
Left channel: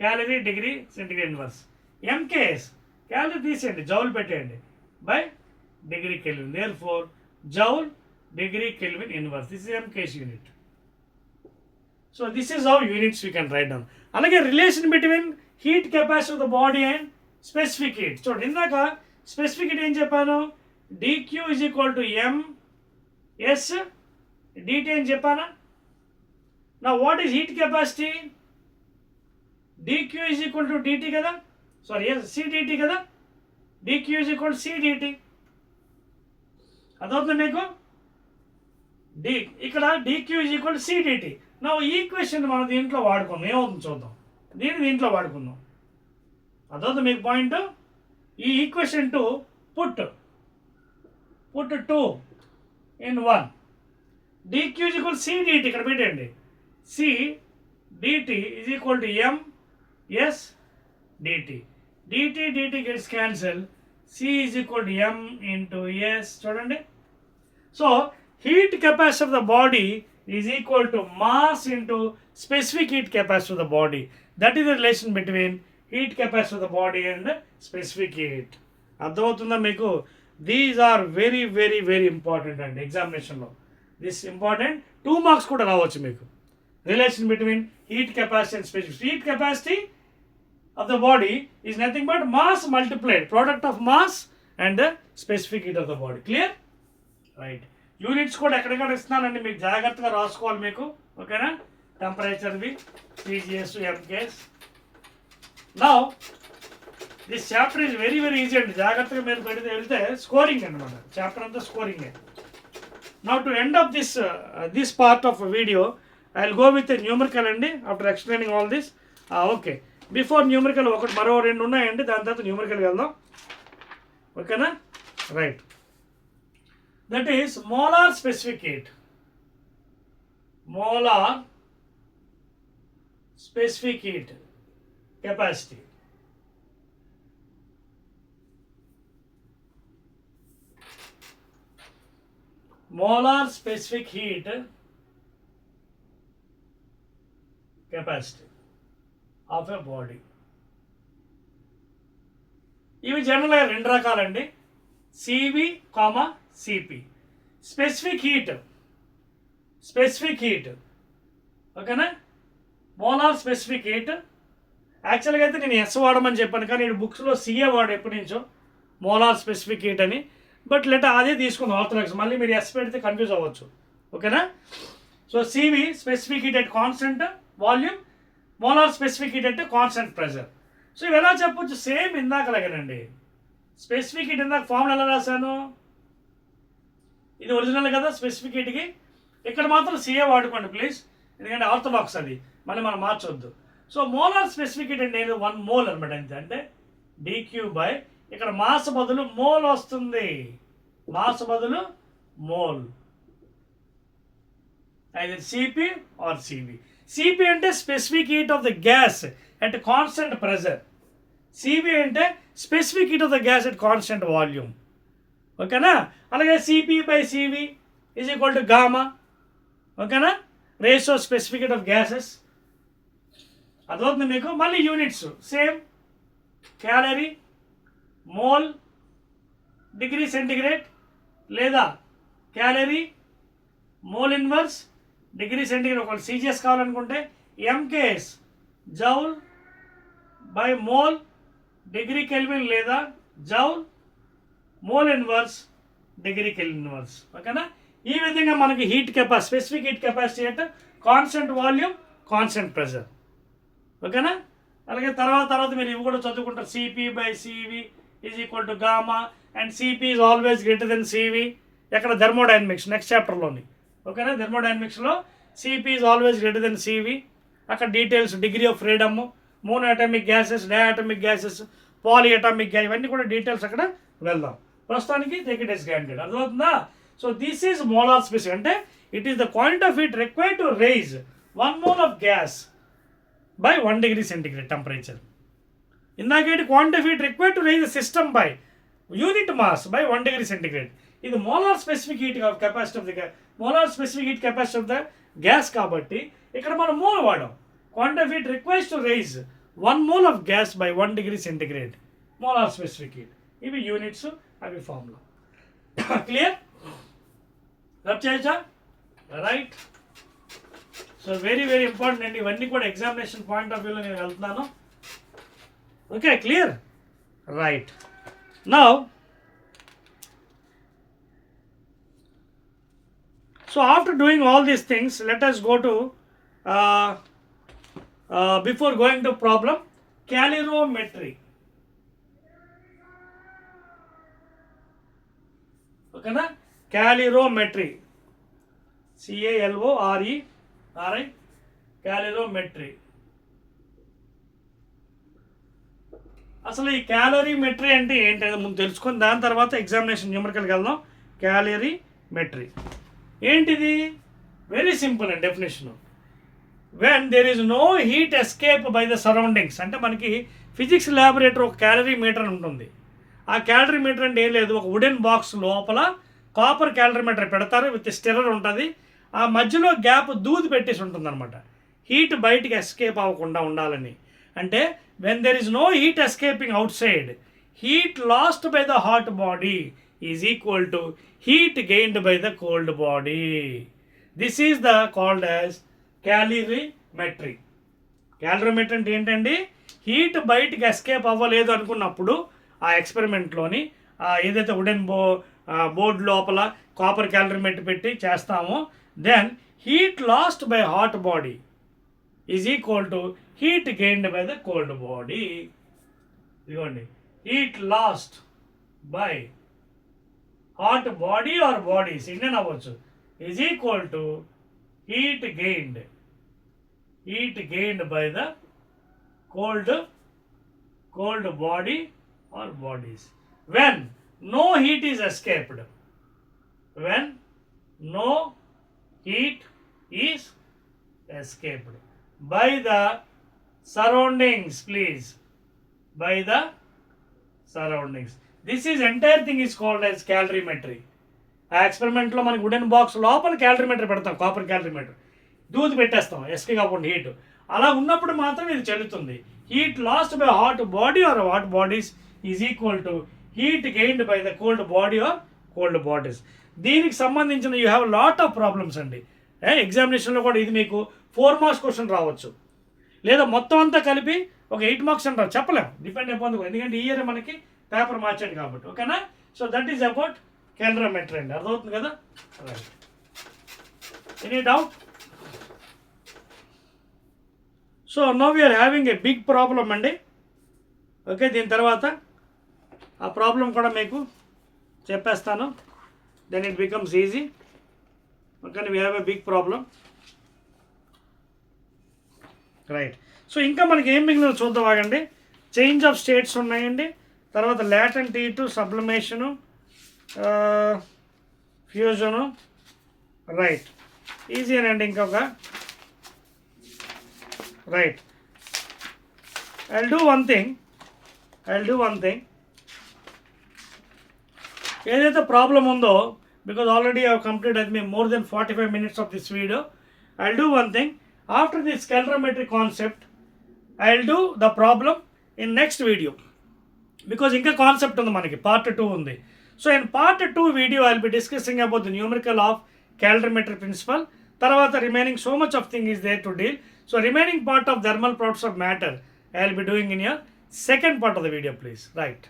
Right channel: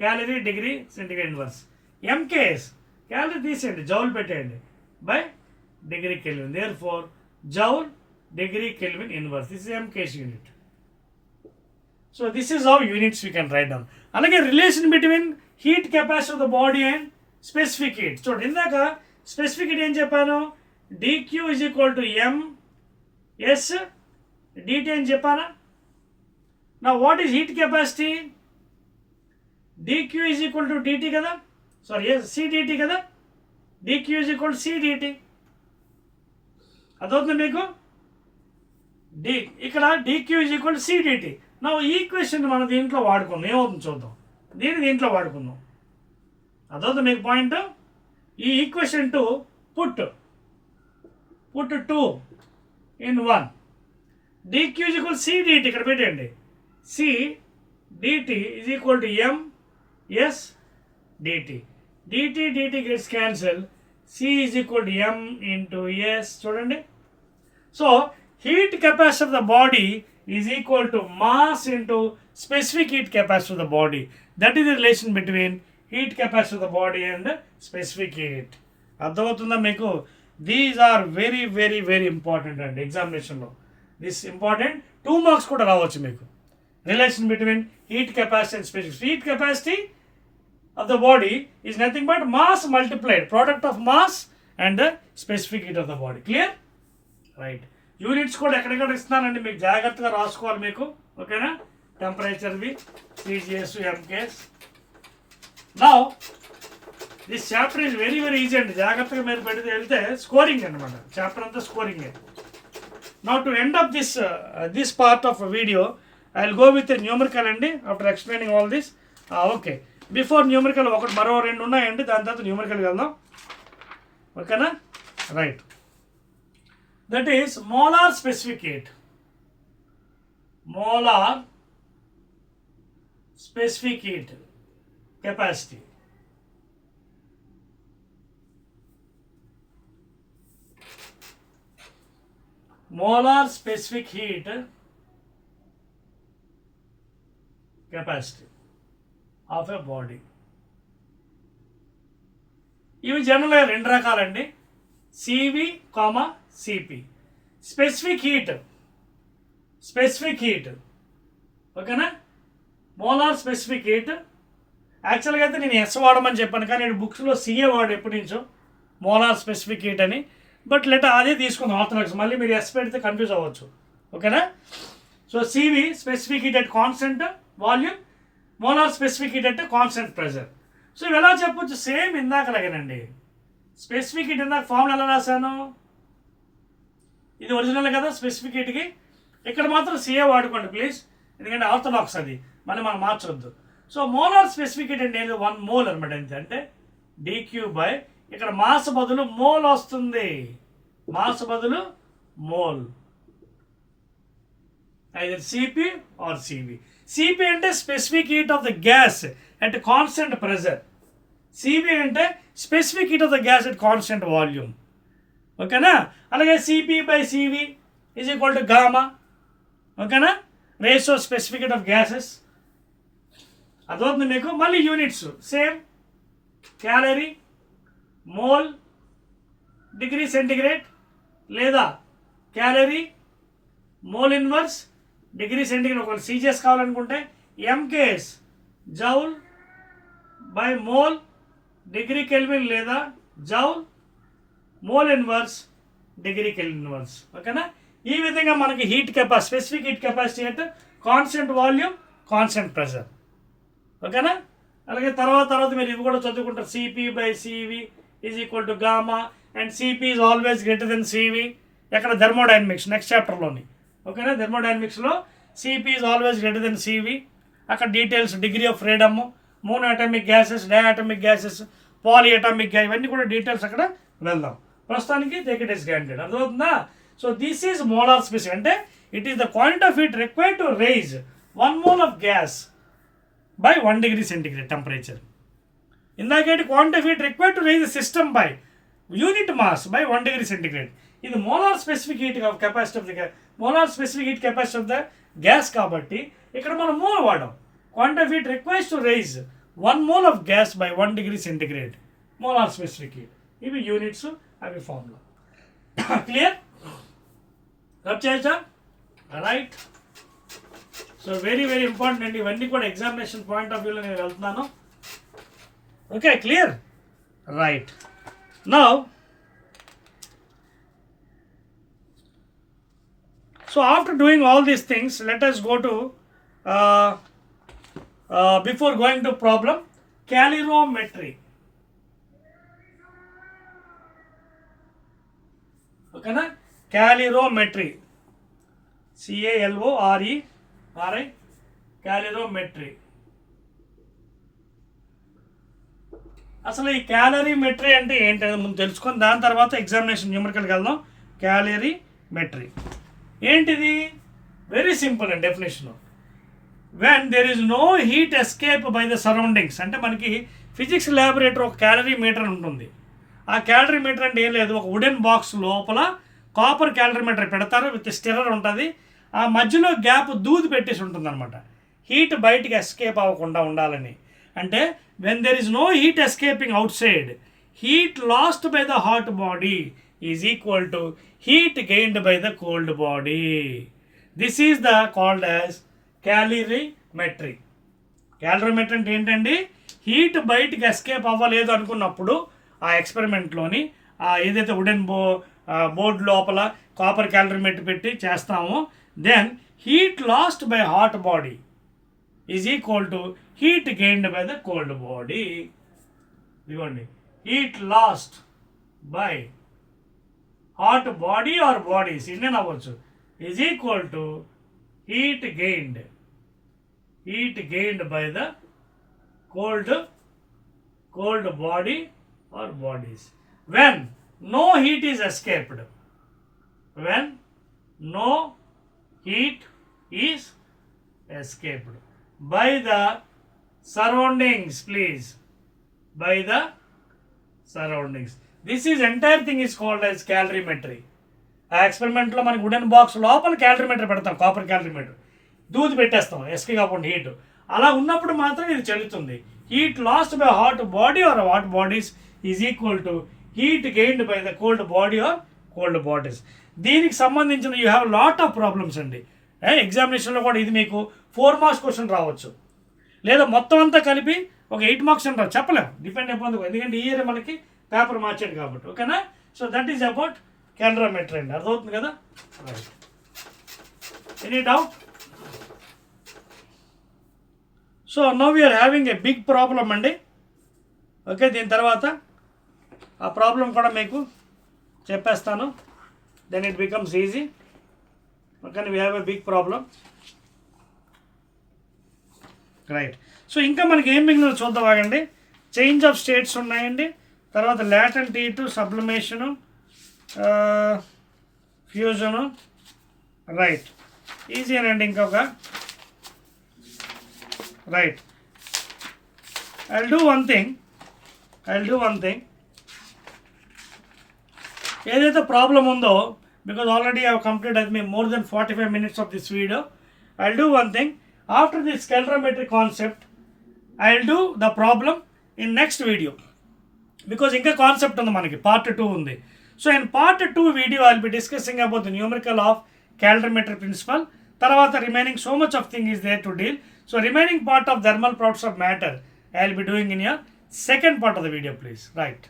calorie degree centigrade inverse. MKS calorie తీసేయండి, joule పెట్టేయండి, by degree Kelvin. Therefore joule degree kelvin inverse. This is MKS unit. So this is how units we can write down. అలాగే relation between heat capacity of the body and specific heat. చూడండి, ఇందాక specific heat ఏం చెప్పాను, dQ is equal to MS dT అని చెప్పానా. Now what is heat capacity? dq is equal to dt కదా, sorry yes cdt కదా. dq is equal to cdt. అదవుతుంది మీకు. ఇక్కడ dq is equal to cdt. నా ఈ ఈక్వేషన్ మనం దీంట్లో వాడుకుందాం, ఏమవుతుంది చూద్దాం. దీంట్లో వాడుకుందాం. అదవుతుంది మీకు పాయింట్. ఈ equation to put 2 in 1. dq is equal to cdt ఇక్కడ పెట్టండి. C dt is equal to m s dt. dt gets cancelled. C is equal to m into s. చూడండి. So heat capacity of the body is equal to mass into specific heat capacity of the body. That is the relation between heat capacity of the body and specific heat. అర్థమవుతుందా మీకు? These are very very very important అండి ఎగ్జామినేషన్లో. This important. 2 marks కూడా రావచ్చు మీకు. Relation between heat capacity and specific. Heat capacity of the body is nothing but mass multiplied, product of mass and the specific heat of the body. Clear? Right. Units కూడా ఎక్కడెక్కడ ఇస్తున్నానండి, మీకు జాగ్రత్తగా రాసుకోవాలి మీకు. ఓకేనా. టెంపరేచర్వి CGS MKS. Now this chapter is very very easy అండి. జాగ్రత్తగా మీరు పెడితే వెళ్తే స్కోరింగ్ అనమాట. చాప్టర్ అంతా scoring. Now to end of this part of video I will go with a numerical అండి after explaining all this. Okay, before numerical ఒకటి మరో 2 ఉన్నాయండి, దాని తర్వాత న్యూమరికల్కి వెళ్దాం. ఓకేనా. Right. That is molar specific heat. Molar specific heat capacity. Molar specific heat capacity of a body. ఇవి జనరల్గా 2 రకాలండి, CV comma CP. Specific heat ఓకేనా. Molar specific heat. యాక్చువల్గా అయితే నేను ఎస్ వాడమని చెప్పాను, కానీ నేను బుక్స్లో సిఏ వాడు ఎప్పటి నుంచో మోలార్ స్పెసిఫిక్ హీట్ అని. బట్ అదే తీసుకుందాం ఆర్థోడాక్స్. మళ్ళీ మీరు ఎస్ పెడితే కన్ఫ్యూజ్ అవ్వచ్చు. ఓకేనా. So CV specific heat at constant volume, molar specific heat అంటే కాన్స్టెంట్ ప్రెషర్. సో ఇవి ఎలా చెప్పొచ్చు, సేమ్ ఇందాకలాగేనండి. స్పెసిఫిక్ హీట్ ఇందాక ఫార్ములా ఎలా రాశాను, ఇది ఒరిజినల్ కదా స్పెసిఫిక్ హీట్కి. ఇక్కడ మాత్రం సిఏ వాడుకోండి ప్లీజ్, ఎందుకంటే ఆర్థోడాక్స్ అది, మళ్ళీ మనం మార్చొద్దు. సో మోలార్ స్పెసిఫిక్ హీట్ అంటే 1 మోల్ అనమాట. అంటే డిక్యూ బై, ఇక్కడ మాస్ బదులు మోల్ వస్తుంది, మాస్ బదులు mole. either CP or CV. CP అంటే specific heat of the gas at constant pressure. CV అంటే specific heat of the gas at constant volume. ఓకేనా? అలాగే CP by CV is equal to gamma. ఓకేనా? Ratio specific heat of gases. అదవుతుంది మీకు. మళ్ళీ units same, calorie, mole, degree centigrade, లేదా calorie, mole inverse, degree centigrade. ఒకటి CGS కావాలనుకుంటే MKS joule by mole degree kelvin, లేదా joule mole inverse degree kelvin inverse. ఓకేనా? ఈ విధంగా మనకి heat capacity, specific heat capacity అంటే కాన్స్టెంట్ వాల్యూమ్, కాన్స్టెంట్ ప్రెషర్. ఓకేనా? అలాగే తర్వాత మీరు ఇవి కూడా చదువుకుంటారు. CP by CV is equal to gamma and CP is always greater than CV. ఎక్కడ? థర్మోడైనమిక్స్ నెక్స్ట్ చాప్టర్లోని. ఓకేనా? థర్మోడైనమిక్స్లో CP is always greater than CV. అక్కడ details, degree of freedom, mono atomic gases, diatomic gases, poly atomic gas, ఇవన్నీ కూడా details అక్కడ వెళ్దాం. ప్రస్తుతానికి టేక్ ఇట్ ఇస్ గ్రాంటెడ్. అర్థమవుతుందా? So this is molar specific అంటే it is the quantity of heat required to raise 1 mole of gas by 1 degree centigrade temperature. ఇందాకేంటి? Quantity of heat required to raise the system by unit mass by 1 degree centigrade. ఇది molar specific heat capacity of the gas, molar specific heat capacity of the gas. కాబట్టి ఇక్కడ మనం mole వాడాం. Quantity of heat requires to raise 1 mole of gas by 1 degree centigrade. Molar specific heat. ఇవి units, అవి formula. Clear? Rub చేయొచ్చా? Right. So very very important అండి. ఇవన్నీ కూడా ఎగ్జామినేషన్ పాయింట్ ఆఫ్ వ్యూలో నేను వెళ్తున్నాను. Okay, clear? Right. Now so after doing all these things, let us go to before going to problem, calorimetry. Okay na? Calorimetry, CALORERI, calorimetry. అసలు ఈ క్యాలరీమెట్రీ అంటే ఏంటి ముందు తెలుసుకొని దాని తర్వాత ఎగ్జామినేషన్ న్యూమరికల్కి వెళ్దాం. క్యాలరీమెట్రీ ఏంటిది? వెరీ సింపుల్ అండి definition. When there is no heat escape by the surroundings. అంటే మనకి ఫిజిక్స్ ల్యాబొరేటరీ ఒక క్యాలరీ మీటర్ ఉంటుంది. ఆ క్యాలరీ మీటర్ అంటే ఏం లేదు, ఒక వుడెన్ బాక్స్ లోపల కాపర్ క్యాలరీ మీటర్ పెడతారు, విత్ స్టిరర్ ఉంటుంది. ఆ మధ్యలో గ్యాప్ దూది పెట్టేసి ఉంటుంది అనమాట, హీట్ బయటికి ఎస్కేప్ అవ్వకుండా ఉండాలని. అంటే when there is no heat escaping outside, heat lost by the hot body is equal to heat gained by the cold body. This is the called as calorimetry. Calorimetry అంటే ఏంటండి? Heat బయటికి escape అవ్వలేదు అనుకున్నప్పుడు ఆ ఎక్స్పెరిమెంట్లోని ఏదైతే wooden board లోపల copper calorimeter పెట్టి చేస్తామో, then heat lost by hot body is equal to heat gained by the cold body. ఇదిగోండి, heat lost by hot body or bodies Indian అవ్వచ్చు is equal to heat gained by the cold body or bodies when no heat is escaped. When no heat is escaped by the surroundings, please, by the surroundings. This is entire thing is called as క్యాలరీమెట్రీ. ఆ ఎక్స్పెరిమెంట్లో మనకి wooden box లోపల calorimeter పెడతాం, copper calorimeter, దూది పెట్టేస్తాం SK కాకుండా heat. అలా ఉన్నప్పుడు మాత్రం ఇది చెల్లుతుంది. Heat lost by hot body or hot bodies is equal to heat gained by the cold body or cold bodies. దీనికి సంబంధించిన you have lot of problems అండి. ఎగ్జామినేషన్లో కూడా ఇది మీకు 4 మార్క్స్ క్వశ్చన్ రావచ్చు, లేదా మొత్తం అంతా కలిపి ఒక 8 మార్క్స్ అని రావు, చెప్పలేము, డిపెండ్ అయిపోతుంది. ఎందుకంటే ఈ ఇయర్ మనకి పేపర్ మార్చాడు కాబట్టి. ఓకేనా? So that is about calorimetry అండి. అర్థమవుతుంది కదా? Right. Any doubt? So now we're having a big problem అండి. ఓకే, దీని తర్వాత ఆ ప్రాబ్లం కూడా మీకు చెప్పేస్తాను, then it becomes easy. Okay, we have a big problem. Right. So ఇంకా మనకి ఏం మిగిలిన చూద్దాం, ఆగండి. చేంజ్ ఆఫ్ స్టేట్స్ ఉన్నాయండి, తర్వాత లాటెంట్ హీట్, సబ్లిమేషను, ఫ్యూజను. రైట్. ఈజీ అండి ఇంకొక right. I'll do one thing. ఏదైతే ప్రాబ్లం ఉందో, because already I have completed more than 45 minutes of this video, I'll do one thing. After this calorimetry concept, I'll do the problem in next video, because ఇంకా concept ఉంది మనకి, part 2 ఉంది. So in part 2 video I'll be discussing about the numerical of calorimetry principle. తర్వాత remaining so much of thing is there to deal. So remaining part of thermal properties of matter I'll be doing in your second part of the video, please. Right.